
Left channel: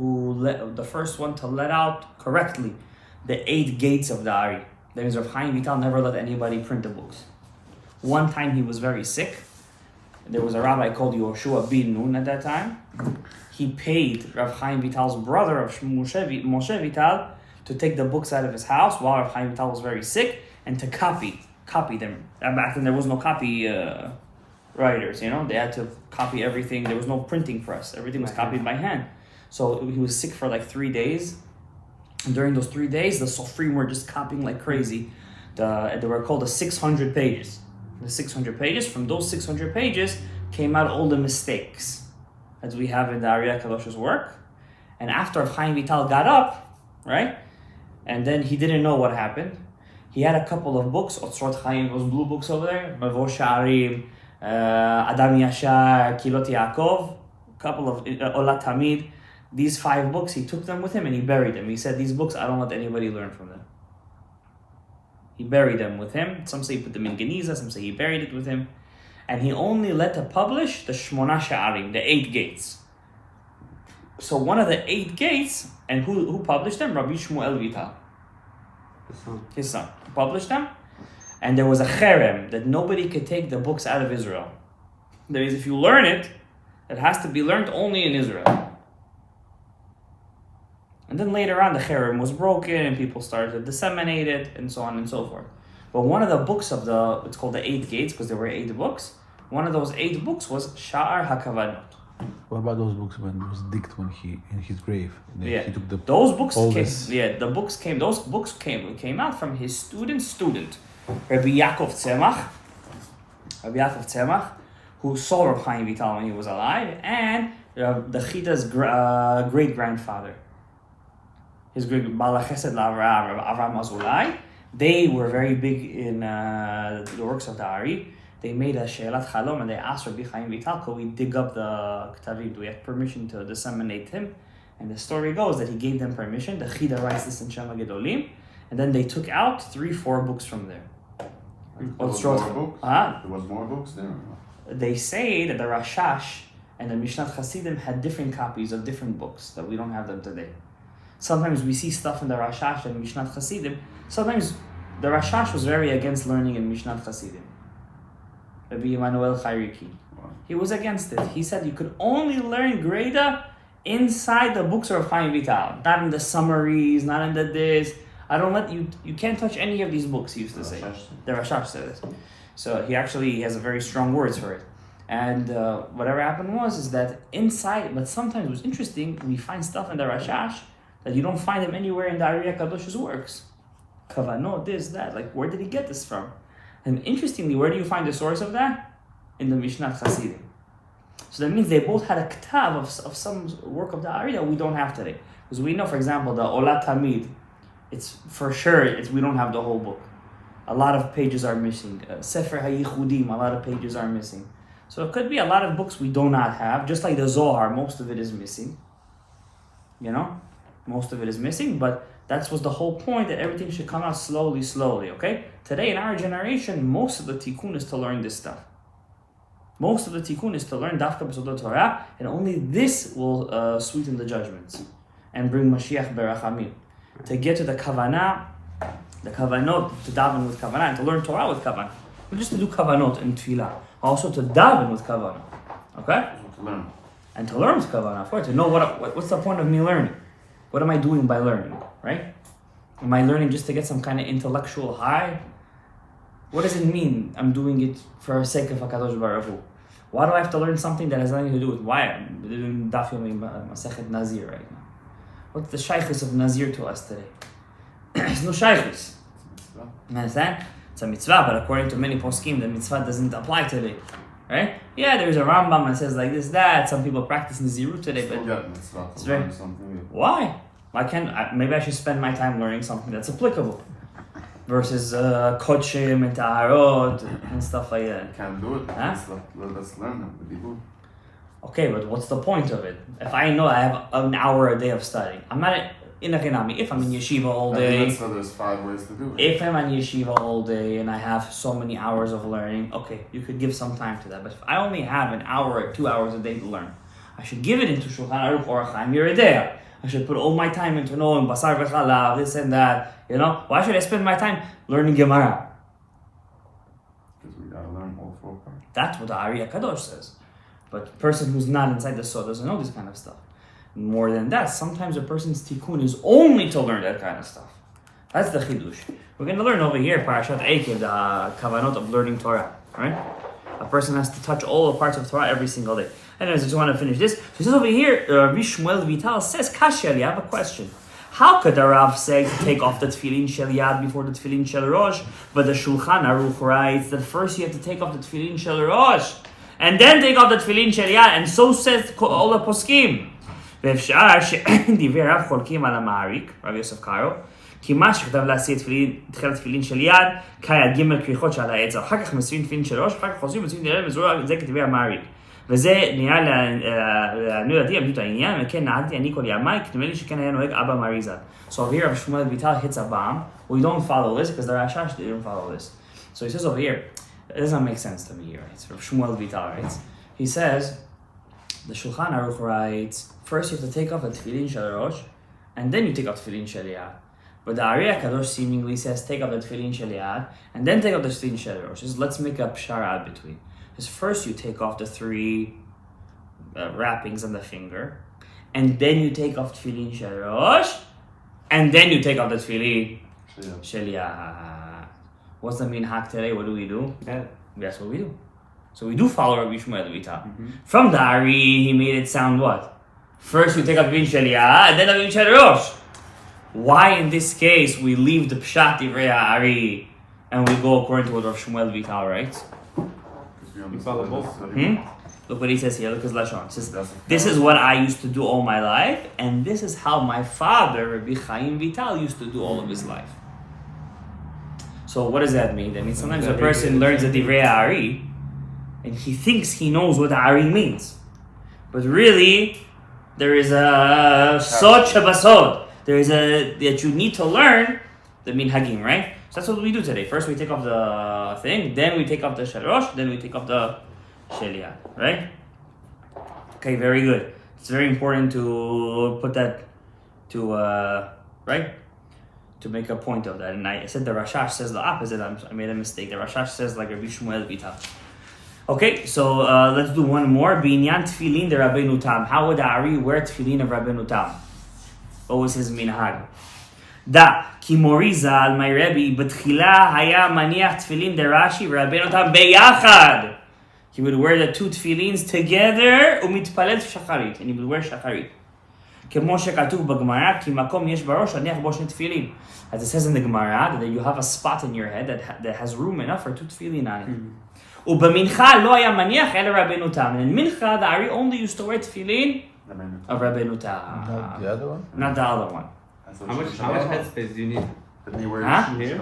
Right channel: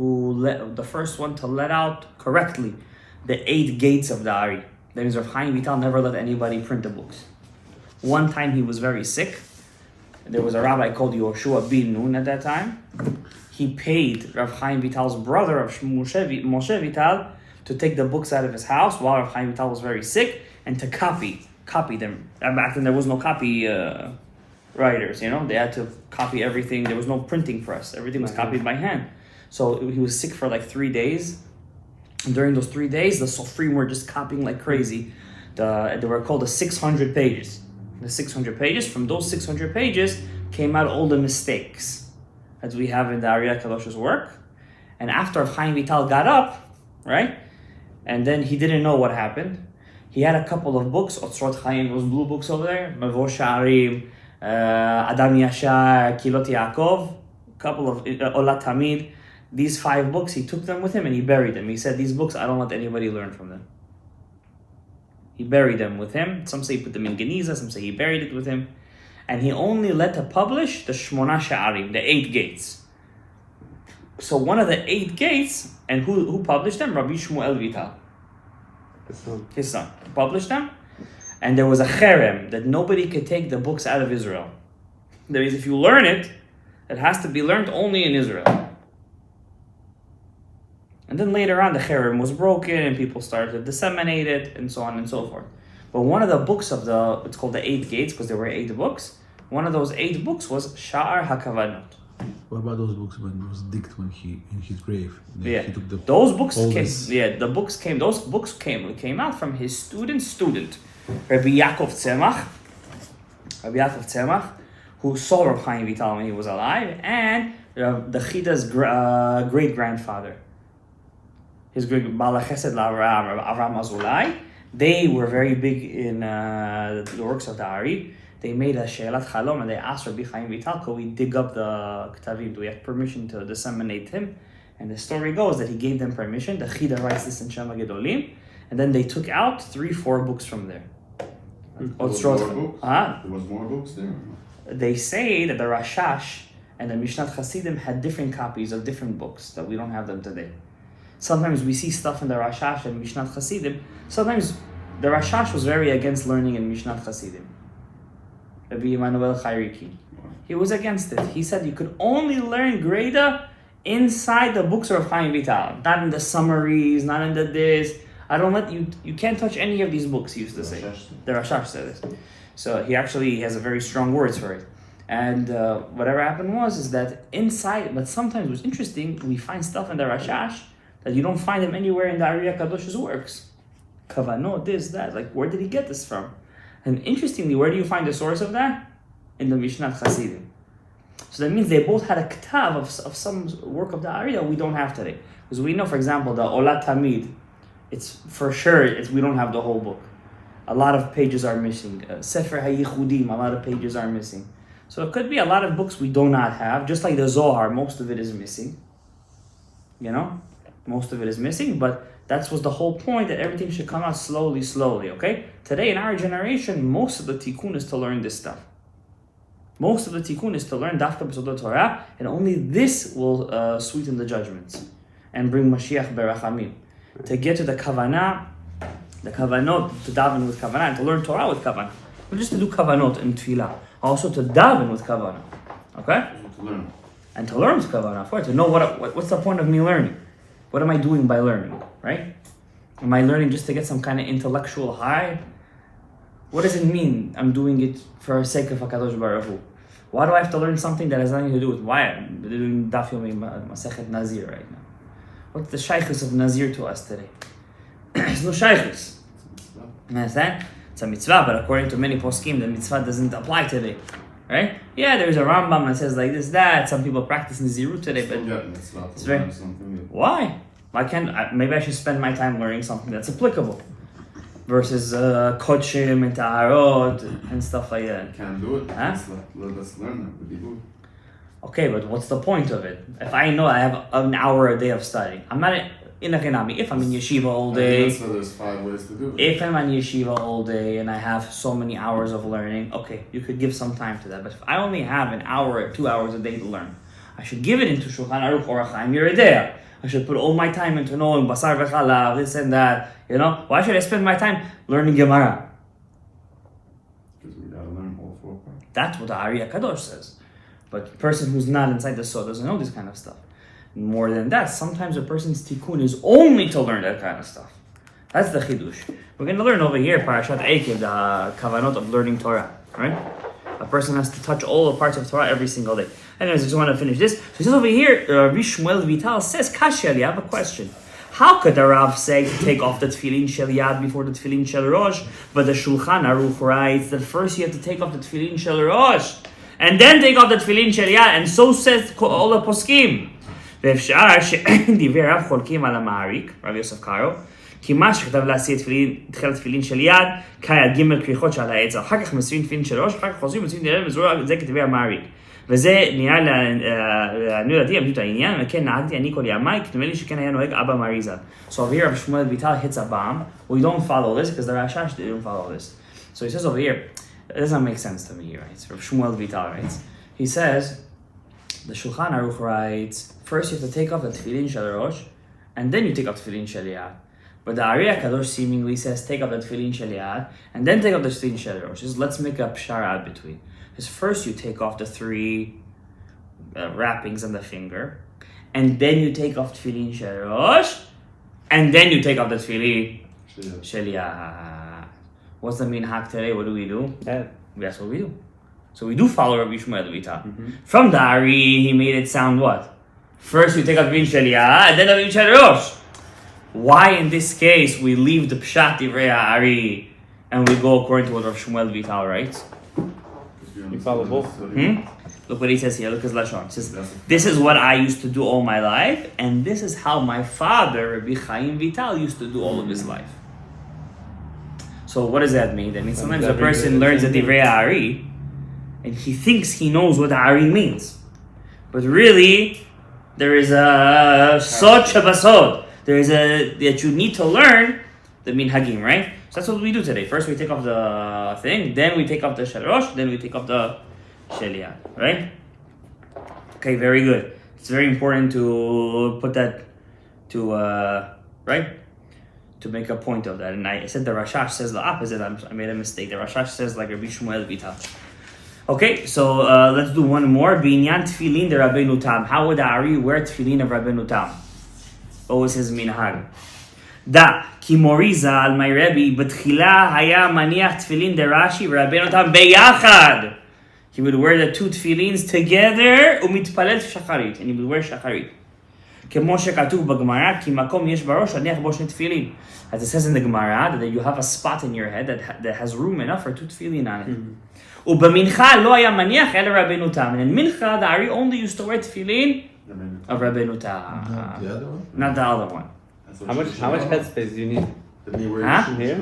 the first one to let out correctly the 8 gates of the Ari. That means Rav Chaim Vital never let anybody print the books. One time he was very sick. There was a rabbi called Yoshua bin Nun at that time. He paid Rav Chaim Vital's brother, of Moshe Vital, to take the books out of his house while Rav Chaim Vital was very sick and to copy them. And back then there was no copy writers, you know. They had to copy everything. There was no printing press. Everything was copied by hand. So he was sick for like 3 days. And during those 3 days, the Sofrim were just copying like crazy. They were called the 600 pages. The 600 pages. From those 600 pages came out all the mistakes that we have in the Ariyah Kadosh's work. And after Chaim Vital got up, right, and then he didn't know what happened. He had a couple of books, Otzrot Chaim, those blue books over there, Mavo Sha'arim, Adam Yashar, Kilot Yaakov, a couple of Olat Tamid. These 5 books, he took them with him and he buried them. He said, these books, I don't let anybody learn from them. He buried them with him. Some say he put them in Geniza, some say he buried it with him. And he only let to publish the Shmona Sha'arim, the 8 gates. So one of the 8 gates, and who published them? Rabbi Shmuel Vital. His son. Published them. And there was a cherem that nobody could take the books out of Israel. That is, if you learn it, it has to be learned only in Israel. And then later on, the cherem was broken and people started to disseminate it and so on and so forth. But one of the books it's called the 8 gates because there were 8 books. One of those 8 books was Sha'ar HaKavanot. What about those books when it was digged when he in his grave? Yeah, he took those books came. Those books came out from his student, Rabbi Yaakov Tzemach, who saw Rav Chaim Vital when he was alive, and the Chida's great grandfather, his great Bala Chesed Avram Azulai. They were very big in the works of the Ari. They made a She'elat Chalom and they asked Rabbi Chaim Vital, could we dig up the Ketavim? Do we have permission to disseminate him? And the story goes that he gave them permission. The Chida writes this in Shema Gedolim. And then they took out 3-4 books from there. There was more books there? They say that the Rashash and the Mishnat Chasidim had different copies of different books, that we don't have them today. Sometimes we see stuff in the Rashash and Mishnat Chasidim. Sometimes the Rashash was very against learning in Mishnat Chasidim. Rabbi Emmanuel Chayriki. He was against it. He said you could only learn Greda inside the books of Chaim Vital, not in the summaries, not in the this. I don't let you. You can't touch any of these books. He used to say. The Rashash said this. So he actually has a very strong words for it. And whatever happened is that inside. But sometimes what's interesting, we find stuff in the Rashash that you don't find them anywhere in the Ariyah Kadosh's works. Kavanot, this, that. Like, where did he get this from? And interestingly, where do you find the source of that? in the Mishnah Chasidim. So that means they both had a ktav of some work of the Ari that we don't have today. Because we know, for example, the Olat Tamid, it's for sure, we don't have the whole book. A lot of pages are missing. Sefer HaYichudim, a lot of pages are missing. So it could be a lot of books we do not have, just like the Zohar, most of it is missing. You know? Most of it is missing, but that was the whole point, that everything should come out slowly, okay? Today, in our generation, most of the tikkun is to learn this stuff. Most of the tikkun is to learn Dafka B'Sodot Torah, and only this will sweeten the judgments and bring Mashiach Berachamim. To get to the kavanah, the kavanot, to daven with kavanah, and to learn Torah with kavanah. Not just to do kavanot in tefillah, also to daven with kavanah. Okay? To learn. And to learn with kavanah, for it, to know what's the point of me learning. What am I doing by learning, right? Am I learning just to get some kind of intellectual high? What does it mean I'm doing it for the sake of HaKadosh Baruch Hu? Why do I have to learn something that has nothing to do with why I'm doing Daf Yomi Masechet Nazir right now? What's the shaykhus of Nazir to us today? There's no shaykhus. You understand? It's a mitzvah, but according to many poskim, the mitzvah doesn't apply today. Right? Yeah, there's a Rambam that says like this, that. Some people practice Nazirut today, but it's very something. Why? Why can't maybe I should spend my time learning something that's applicable versus kodshim and taharot and stuff like that. You can't do it. Huh? Let's learn it. But you do. Okay, but what's the point of it? If I know I have an hour a day of studying, I'm not in a chinami. If I'm in yeshiva all day, so there's 5 ways to do it. If I'm in yeshiva all day and I have so many hours of learning, okay, you could give some time to that. But if I only have an hour or 2 hours a day to learn, I should give it into Shulchan Aruch or Chaim Yeridea. I should put all my time into knowing Basar v'Chalav, this and that. You know, why should I spend my time learning Gemara? Because we gotta learn all 4 parts. That's what the Ari HaKadosh says. But the person who's not inside the Sod doesn't know this kind of stuff. More than that, sometimes a person's tikkun is only to learn that kind of stuff. That's the chidush. We're going to learn over here, Parashat Eikev, the kavanot of learning Torah, right? A person has to touch all the parts of Torah every single day. Anyways, I just want to finish this. So he says over here, Rabbi Shmuel Vital says, Kashya, I have a question. How could the Rav say to take off the tefillin shel yad before the tefillin shel rosh? But the Shulchan Aruch writes that first you have to take off the tefillin shel rosh, and then take off the tefillin shel yad, and so says all the poskim. ואפשר שדברי רב חולקים על המעריק, רב יוסף קארו, כי מה שכתב להשיא תחילת תפילין של יד, כיד ג' כריכות שעל העץ, אחר כך מסוים תפילין של ראש, אחר כך חוזרים מסוים תפילין מזרוע, זה כתבי המעריק. וזה נראה לעניות דעתי, עמדות העניין, וכן נהגתי אני כל ימי, כי נדמה לי שכן היה נוהג אבא מריזל. So over here, Rav Shmuel Vital hits a bomb. We don't follow this, because the Rashash, they don't follow this. So he says over here, it doesn't make sense to me, right? Rav Shmuel Vital writes. He says, the Shulchan Aruch writes, first you have to take off the tefillin shel rosh, and then you take off the tefillin shel yad. But the Ari HaKadosh seemingly says, take off the tefillin shel yad, and then take off the tefillin shel rosh. Let's make a pshara between. Because first you take off the 3 wrappings on the finger, and then you take off tefillin shel rosh, and then you take off the tefillin shel yad. What's the minhag today? What do we do? That's what we do. So we do follow Rabbi Shmuel Vital. From the Ari, he made it sound what? First we take out Tefillin Shel Yad, and then Tefillin Shel Rosh. Why in this case we leave the Pshat Divrei Ari and we go according to what Rabbi Shmuel Vital writes? You follow both? Look what he says here, look his Lashon. He says, this is what I used to do all my life, and this is how my father, Rabbi Chaim Vital, used to do all of his life. So what does that mean? That means sometimes a person learns the Divrei Ari, and he thinks he knows what Ari means. But really, there is a Sod Shabasod. There is that you need to learn the Minhagim, right? So that's what we do today. First we take off the thing, then we take off the Shel Rosh, then we take off the Shel Yad, right? Okay, very good. It's very important to put that right? To make a point of that. And I said the Rashash says the opposite. I made a mistake. The Rashash says like Rabbi Shmuel Vital. Okay, so let's do one more. Binyan tefillin de Rabbeinu Tam. How would the Ari wear tefillin of Rabbeinu Tam? What was his minhag? Da, ki Morizal, my Rebbe, betchila haya maniach tefillin de Rashi v'Rabbeinu Tam beyachad. He would wear the 2 tefillins together, umitpalel shacharit, and he would wear shacharit. כמו שכתוב בגמרא, כי מקום יש בראש להניח בו שני תפילין. As it says in the Gemara, that you have a spot in your head that has room enough for 2 tefillin on it. ובמנחה לא היה מניח אלא רבנו תם. And in mincha, the Ari only used to wear tefillin of Rabbeinu Tam. The other one? Not the other one. How much headspace do you need? Huh? Here?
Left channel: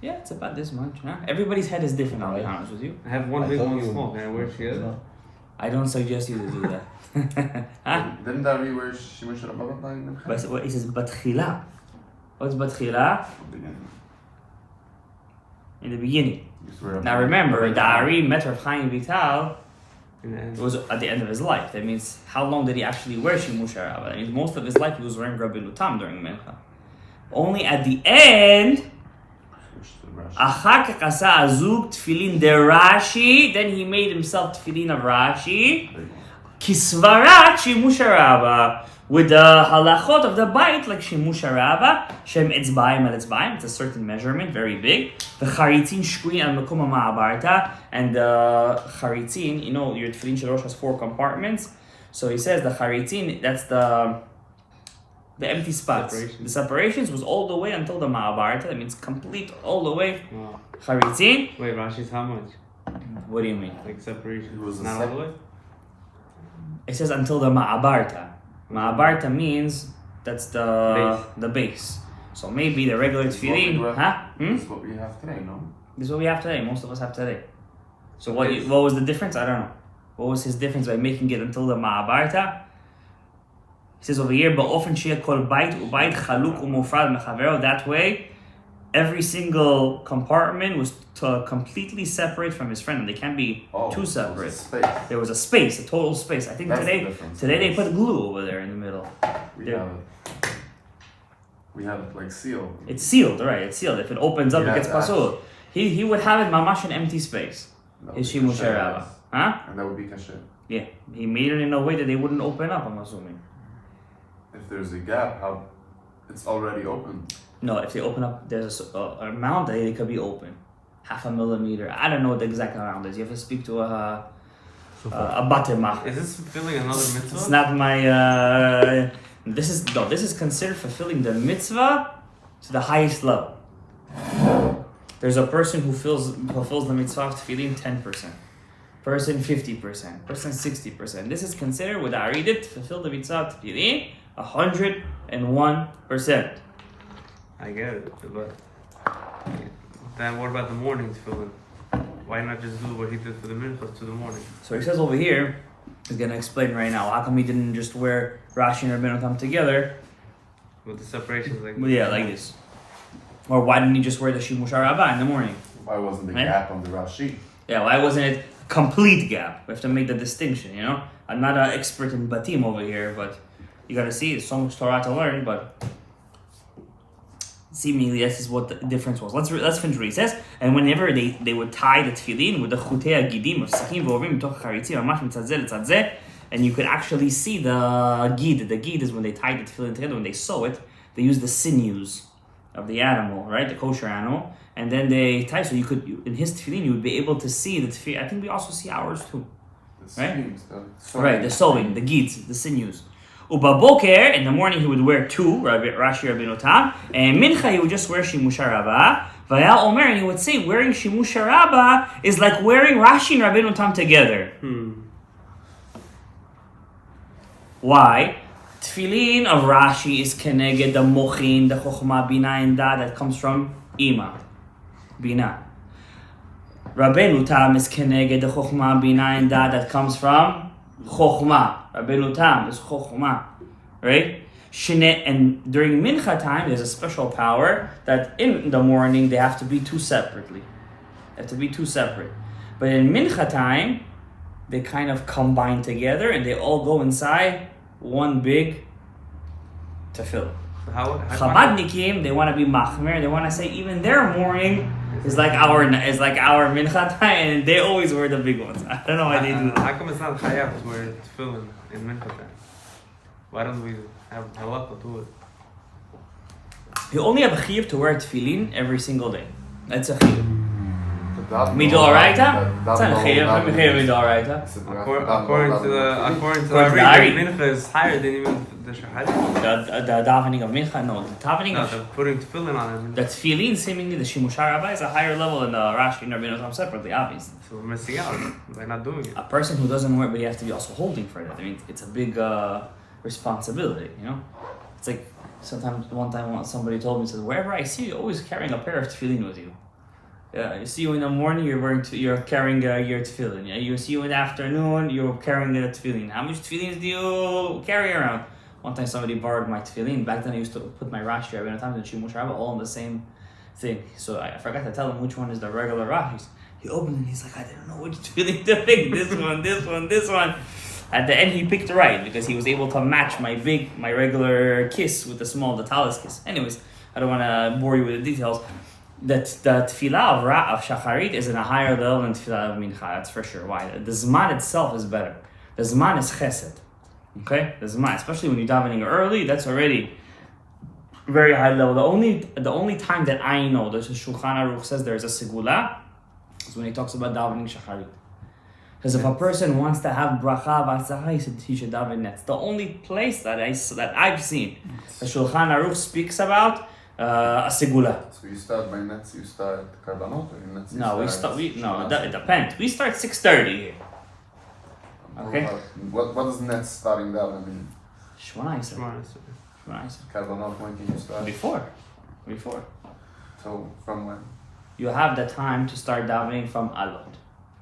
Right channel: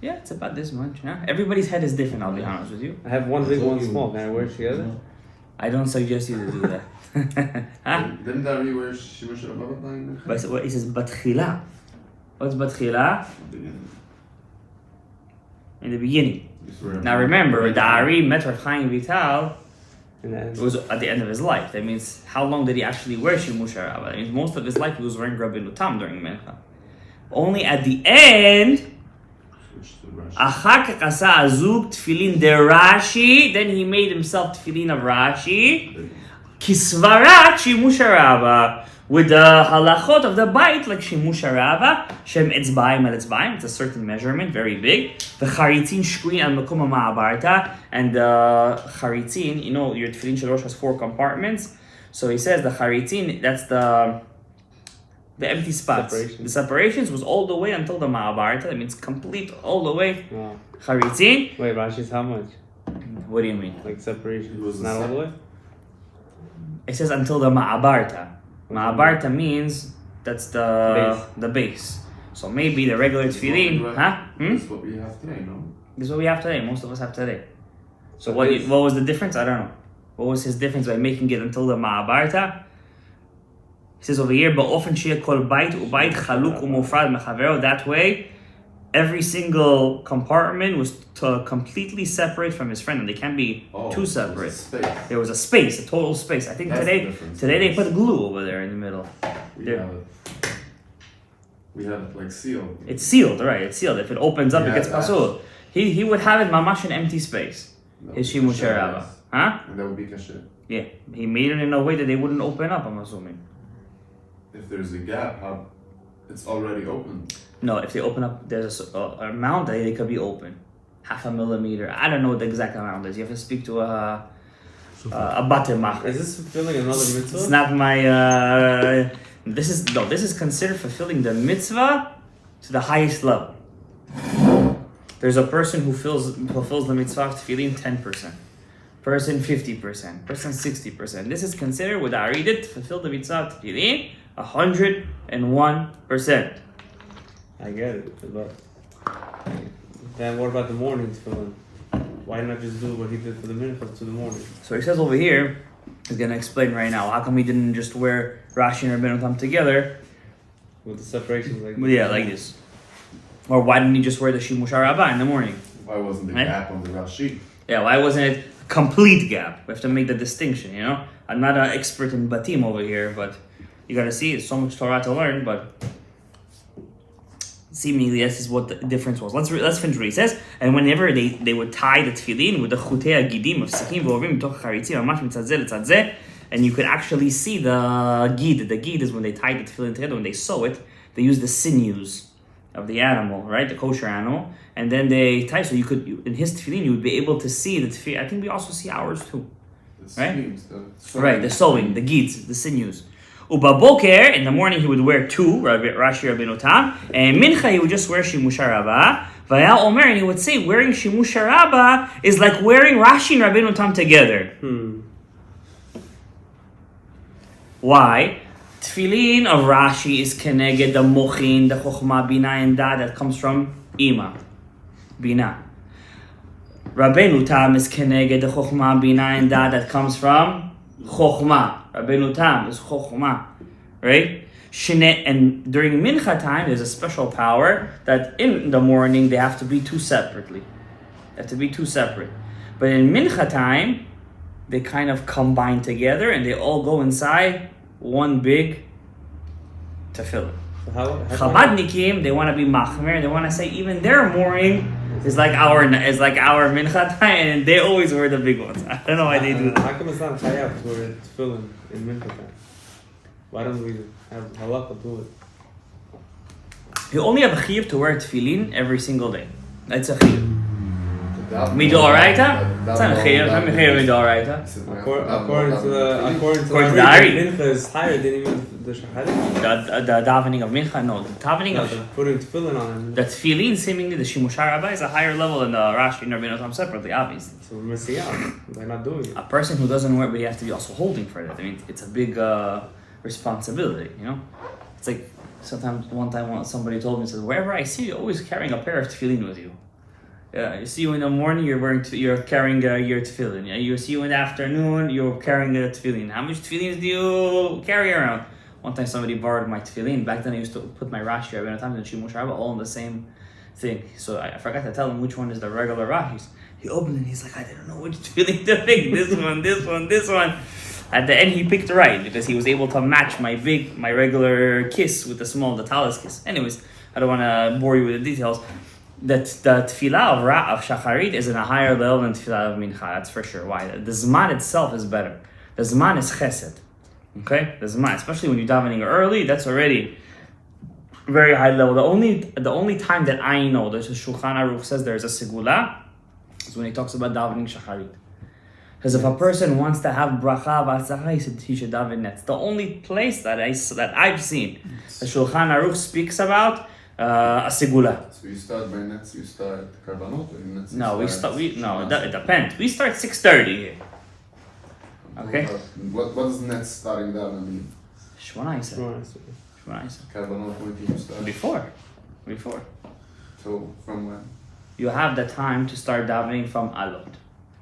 Yeah, it's about this much. Huh? Everybody's head is different, I'll be honest with you. I have one big, one small. Can I wear it together? I don't suggest you to do that. Huh? Didn't that read where Shimush Rabba playing? But what he says, Batchila. What's Batchila? In the beginning. Now remember, the Ari met Rav Chaim Vital. It was at the end of his life. That means, how long did he actually wear Shimush Rabba? That means most of his life he was wearing Rabbeinu Tam during Mincha. Only at the end, אחר כך עשה הזוג תפילין דרש"י, then he made himself תפילין of Rashi, כסברת שימוש הרבה, with the halachot of the bite, like שימוש הרבה, שהם אצבעים על אצבעים, it's a certain measurement, very big, וחריצין שקועים על מקום המעברתא, and the חריצין, you know, your תפילין של ראש has 4 compartments, so he says the חריצין, that's the empty spots. The separations was all the way until the Ma'abarta. That means complete all the way. Wow. Charitzin. Wait, Rashi's how much? What do you mean? Like separation? It was not all the way? It says until the Ma'abarta. Ma'abarta means that's the base. So maybe the regular tefillin, huh? This is what we have today, no? This is what we have today. Most of us have today. So what was the difference? I don't know. What was his difference by making it until the Ma'abarta? He says over here, באופן שיהיה כל בית ובית חלוק ומופרד מחברו. That way, every single compartment was completely separate from his friend, and they can't be too separate. There was a space, a total space. I think today they put glue over there in the middle. We have it like sealed. It's sealed, right? It's sealed. If it opens up, it gets pasul. He would have it mamash an empty space. His shimush rabba, huh? And that would be kasher. Yeah, he made it in a way that they wouldn't open up. I'm assuming. If there's a gap, how it's already open. No, if they open up, there's a amount that it could be open, 0.5 millimeter. I don't know what the exact amount is. You have to speak to a bater. Is this fulfilling another mitzvah? It's not my. This is considered fulfilling the mitzvah to the highest level. There's a person who fulfills the mitzvah of tefillin 10%, person 50%, person 60%. This is considered with Aridit to fulfill the mitzvah of tefillin 101%. I get it, but then what about the morning tefillin? Why not just do what he did for the mincha to the morning? So he says over here, he's going to explain right now, how come he didn't just wear Rashi and Rabbeinu Tam together? With the separations like this. Yeah, like this. Or why didn't he just wear the Shimush Rabbah in the morning? Why wasn't the gap on the Rashi? Yeah, why wasn't it a complete gap? We have to make the distinction, you know? I'm not an expert in Batim over here, but you got to see, it's so much Torah to learn, but seemingly this is what the difference was. Let's finish what he says. And whenever they would tie the tefillin with the chutei agidim of sichim v'ovim mitoch charitzim mamash mitzad zeh letzad zeh, and you could actually see the gid. The gid is when they tie the tefillin together. When they sew it, they use the sinews of the animal, right? The kosher animal, and then they tie. So you could, in his tefillin, you would be able to see the tefillin. I think we also see ours too, right? Right, the sewing, the gids, the sinews. Ubaboker, in the morning he would wear 2, Rashi Rabbeinu Tam, and Mincha he would just wear Shimush Rabbah. Vayal Omer, and he would say wearing Shimush Rabbah is like wearing Rashi and Rabbeinu Tam together. Why? Tefillin of Rashi is keneged the mochin, the chokhmah, bina, and da that comes from Ima, bina. Rabbeinu Tam is keneged the chokhmah, bina, and da that comes from chokhmah. Rabbeinu Tam is chokhmah, right? And during mincha time, there's a special power that in the morning they have to be 2 separately. They have to be 2 separate. But in mincha time, they kind of combine together and they all go inside one big tefillah. Chabadnikim, they want to be machmer. They want to say even their morning is like our mincha time, and they always wear the big ones. I don't know why they do that. How come it's not chayav to wear tefillin in mincha time? Why don't we have halakha do it? You only have a chiyuv to wear tefillin every single day. That's a chiyuv. Midoraita? It's not Mechayer Midoraita. According to the Ari. Mincha is higher than even the Shacharit. The davening of Mincha, no. The davening No, of the putting tefillin on him. the tefillin, seemingly the Shimushar Rabbi, is a higher level than the Rashi and Rabbeinu Tam separately, obviously. So we're missing out by not doing it. A person who doesn't wear, but he has to be also holding for that. I mean, it's a big responsibility, you know? It's like, one time somebody told me, said, wherever I see you, always carrying a pair of tefillin with you. Yeah, you see you in the morning, you're carrying your tefillin. Yeah, you see you in the afternoon, you're carrying a tefillin. How much tefillin do you carry around? One time somebody borrowed my tefillin. Back then I used to put my Rashi, Rabbeinu Tam and Shimush Rabba all in the same thing. So I forgot to tell him which one is the regular Rashis. He opened it and he's like, I didn't know which tefillin to pick. This one, this one, this one. At the end he picked right because he was able to match my regular kiss with the talis kiss. Anyways, I don't want to bore you with the details. That the tefillah of Shacharit is in a higher level than tefillah of Mincha, that's for sure. Why? The Zman itself is better. The Zman is chesed. Okay? The Zman, especially when you're davening early, that's already very high level. The only time that I know that the Shulchan Aruch says there's a segula is when he talks about davening Shacharit. Because if a person wants to have bracha v'atzlacha, he should daven netz. The only place that I've seen the Shulchan Aruch speaks about a segula. So you start by nets, you start karbanot, or netz? No, it depends. We start 6:30 here. Okay. What does nets starting daven mean? Shmona Karbanot, when do you start? Before. So from when? You have the time to start davening from alot,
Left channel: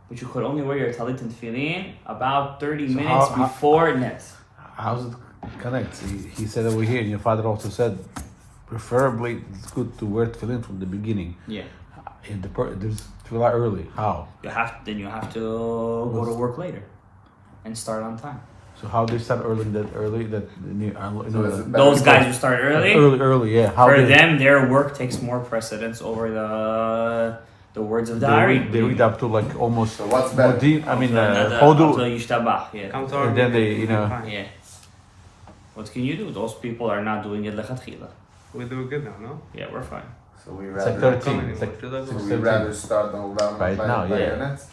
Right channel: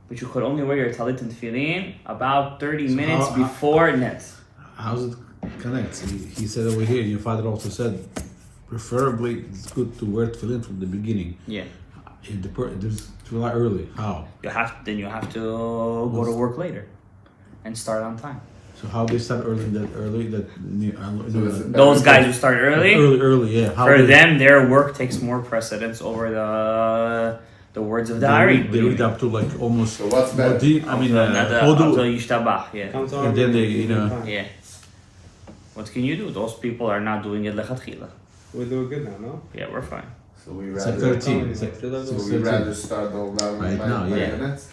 but you could only wear your talit and tefillin about 30 minutes before netz. How does it connect? He said over here, and your father also said, preferably it's good to wear tefillin from the beginning. Yeah. There's tefillah early. How? You have to go to work later and start on time. So how do you start early? Those guys who start early. Early, yeah. For them, their work takes more precedence over the words of the Ari. They read up to like almost. So what's better? Deep. I mean, Yishtabach, yeah. And then they, Yeah. What can you do? Those people are not doing it lechatchila. We're doing good now, no? Yeah, we're fine. So we it's rather. like 13. It's like So we rather start the whole daven right now, by yeah. nets.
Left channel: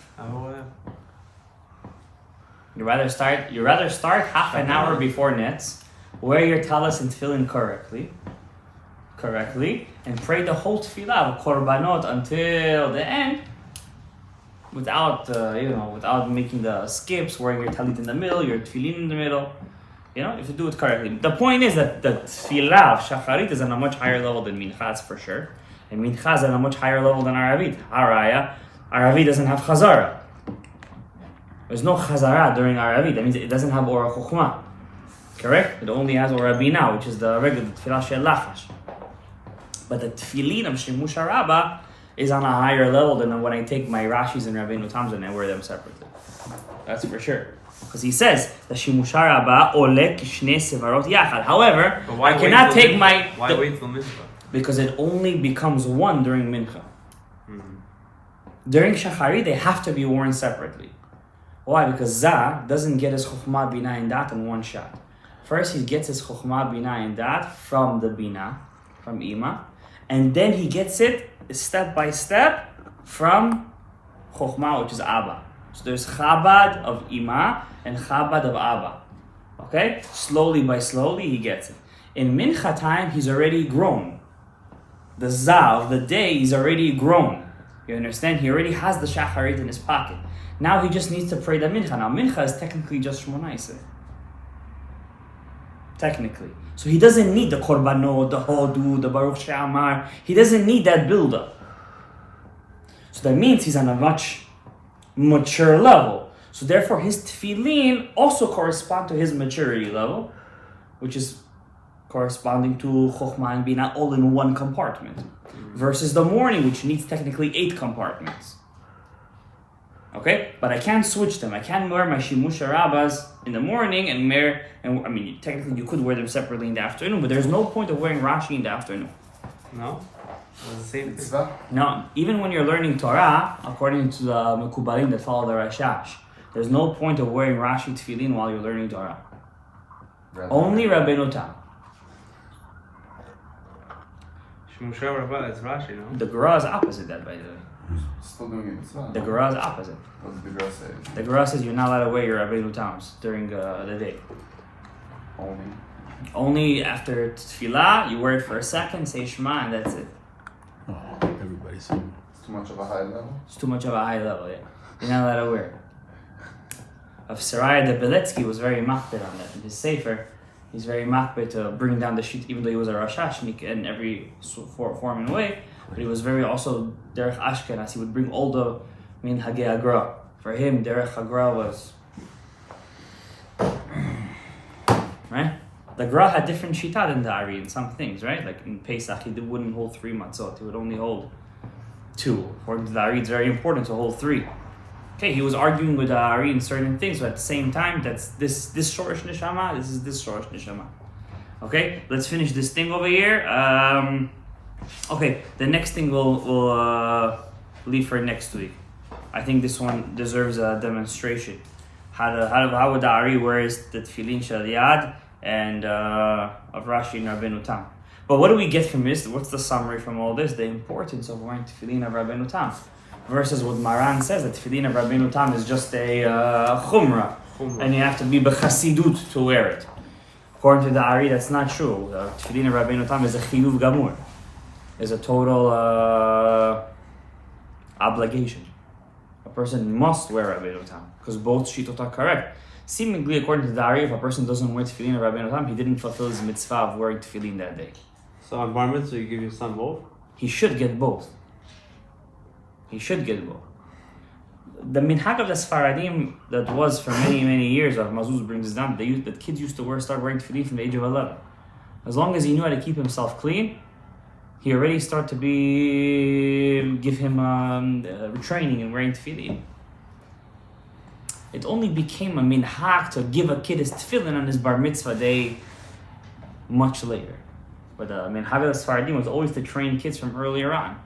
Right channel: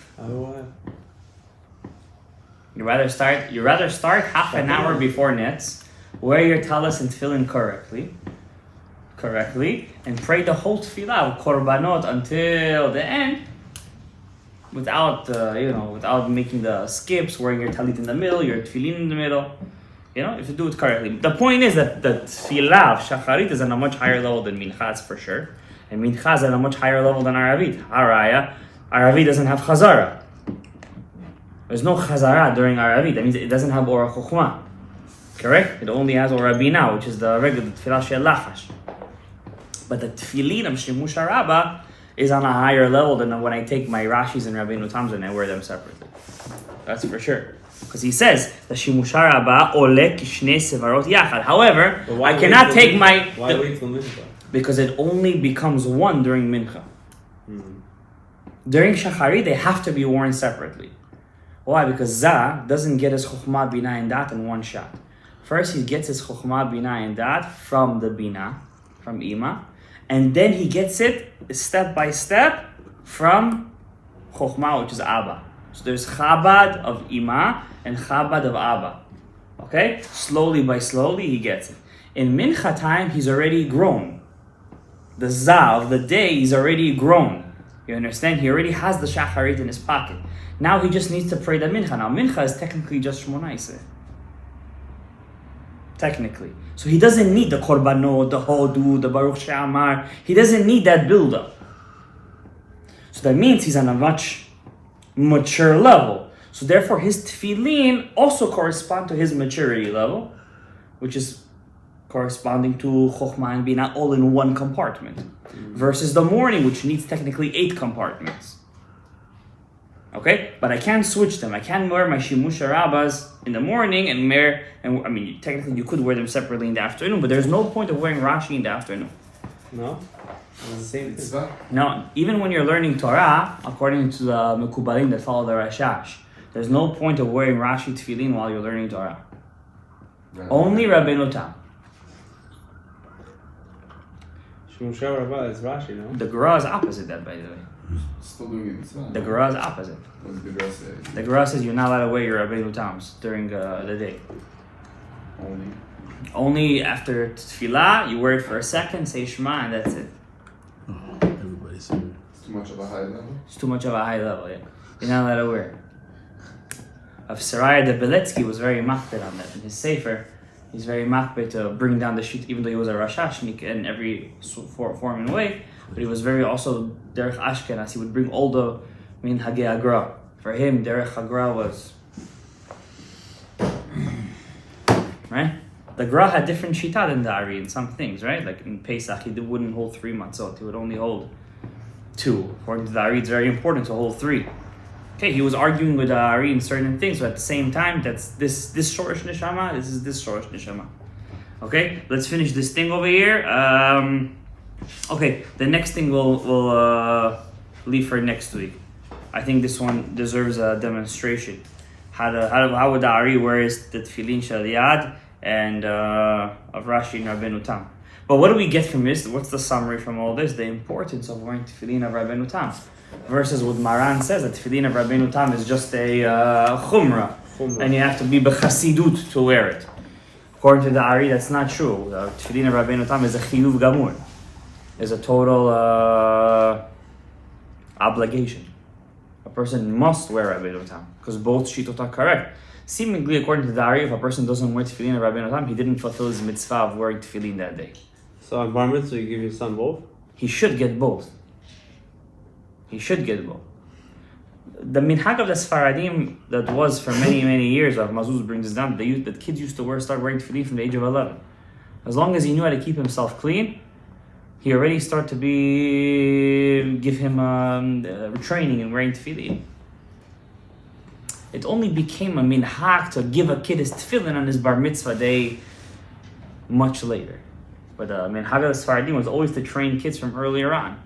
You rather start half an hour before nets, wear your talis and tefillin correctly, and pray the whole tefillah of korbanot until the end, without making the skips, wearing your talit in the middle, your tefillin in the middle. You know, if you do it correctly. The point is that the tefillah of Shacharit is on a much higher level than Mincha, that's for sure. And Mincha is on a much higher level than Aravit. Aravit doesn't have Chazara. There's no Chazara during Aravit. That means it doesn't have Ora Chokhmah. Correct? It only has Ora Bina, which is the regular tefillah shel lachash. But the tefillin of Shimush Rabbah is on a higher level than when I take my Rashis and Rabbeinu Tam's and I wear them separately. That's for sure. Because he says the Shimush Rabbah ole kishnei sevarot yachad. However, I cannot take my. Why wait till Mincha? Because it only becomes one during Mincha. During Shacharit, they have to be worn separately. Why? Because Zah doesn't get his Chokhmah, Bina, and Dat in one shot. First, he gets his Chokhmah, Bina, and Dat from the Bina, from Ima, and then he gets it step by step from Chokhmah, which is Abba. So there's Chabad of Ima and Chabad of Abba. Okay? Slowly he gets it. In Mincha time, he's already grown. The Zah of the day is already grown. You understand? He already has the Shacharit in his pocket. Now he just needs to pray the Mincha. Now Mincha is technically just Shmona Esrei. Technically. So he doesn't need the Korbanot, the Hodu, the Baruch She'amar. He doesn't need that build-up. So that means he's on a much mature level. So therefore his tefillin also correspond to his maturity level, which is corresponding to Chokhmah and Bina all in one compartment. Versus the morning, which needs technically 8 compartments. Okay? But I can't switch them. I can't wear my Shimush Rabbahs in the morning technically you could wear them separately in the afternoon, but there's no point of wearing Rashi in the afternoon. No? It's the same thing. No, even when you're learning Torah, according to the Mekubalim that follow the Rashash, there's no point of wearing Rashi tefillin while you're learning Torah. Only Rabbeinu Tam. Shimush Rabbah is Rashi, no? The Gra is opposite that, by the way. Still doing it mitzvah. The Gemara is opposite. What did the Gemara say? The Gemara says you're not allowed to wear your Rabbeinu Tams during the day. Only after tefillah, you wear it for a second, say Shema, and that's it. Oh, everybody's saying It's too much of a high level. It's too much of a high level, yeah. You're not allowed to wear it. Of Saraya de Beletsky was very machbet on that. In his Sefer, he's very machbet to bring down the sheet, even though he was a Rashashnik in every form and way, but he was very also Derech Ashkenaz. He would bring all the Minhagei Agra. For him, Derech Agra was... Right? The Gra had different shita than the Ari in some things, right? Like in Pesach, he wouldn't hold 3 matzot. He would only hold 2. According to the Ari, it's very important to hold 3. Okay, he was arguing with the Ari in certain things, but at the same time, that's this Shorosh Neshama, this is this Shorosh Neshama. Okay, let's finish this thing over here. Okay, the next thing we'll leave for next week. I think this one deserves a demonstration. How would the Ari wears the Tefillin Shel Yad and of Rashi and Rabbeinu Tam. But what do we get from this? What's the summary from all this? The importance of wearing Tefillin of Rabbeinu Tam. Versus what Maran says, that Tefillin of Rabbeinu Tam is just a chumrah. And you have to be b'chasidut to wear it. According to the Ari, that's not true. Tefillin of Rabbeinu Tam is a chiyuv gamur. Is a total obligation. A person must wear Rabbeinu Tam because both shitot are correct. Seemingly, according to the Ari, if a person doesn't wear Tefillin of Rabbeinu Tam, he didn't fulfill his mitzvah of wearing Tefillin that day. So on Bar Mitzvah, you give your son both? He should get both. He should get both. The minhag of the Sfaradim that was for many, many years, or Mazuz brings this down, that kids used to start wearing Tefillin from the age of 11. As long as he knew how to keep himself clean, he already started to give him training in wearing Tefillin. It only became a minhag to give a kid his tefillin on his bar mitzvah day much later. But the minhag of the Sfaradim was always to train kids from earlier on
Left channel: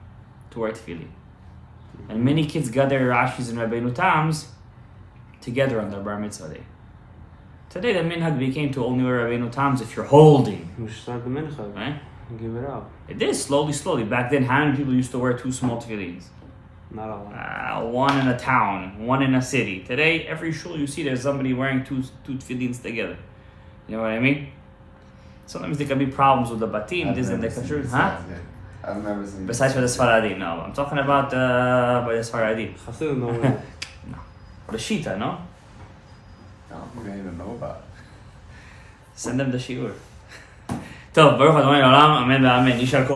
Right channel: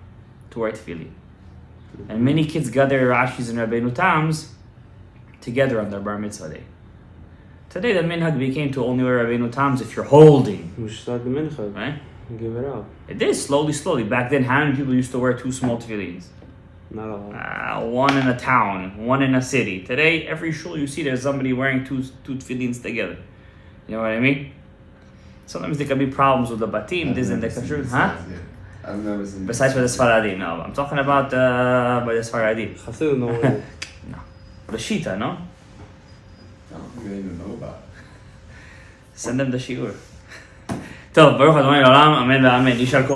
to wear tefillin. And many kids got their Rashis and Rabbeinu Tams together on their bar mitzvah day. Today the minhag became to only wear Rabbeinu Tams if you're holding. You should start the mitzvah. Right? And give it out. It is, slowly. Back then, how many people used to wear 2 small tefillins? Not a lot. One in a town, one in a city. Today, every shul you see, there's somebody wearing two tefillins together. You know what I mean? Sometimes there can be problems with the batim, this and the kashrut, huh? I've never seen. Besides for the Sfaradim, no. I'm talking about by the Sfaradim. Chasidim don't No. The Shita, no? I don't think they even know about it. Send them the shiur. טוב, ברוך ה' לעולם, אמן ואמן. יישר כוח.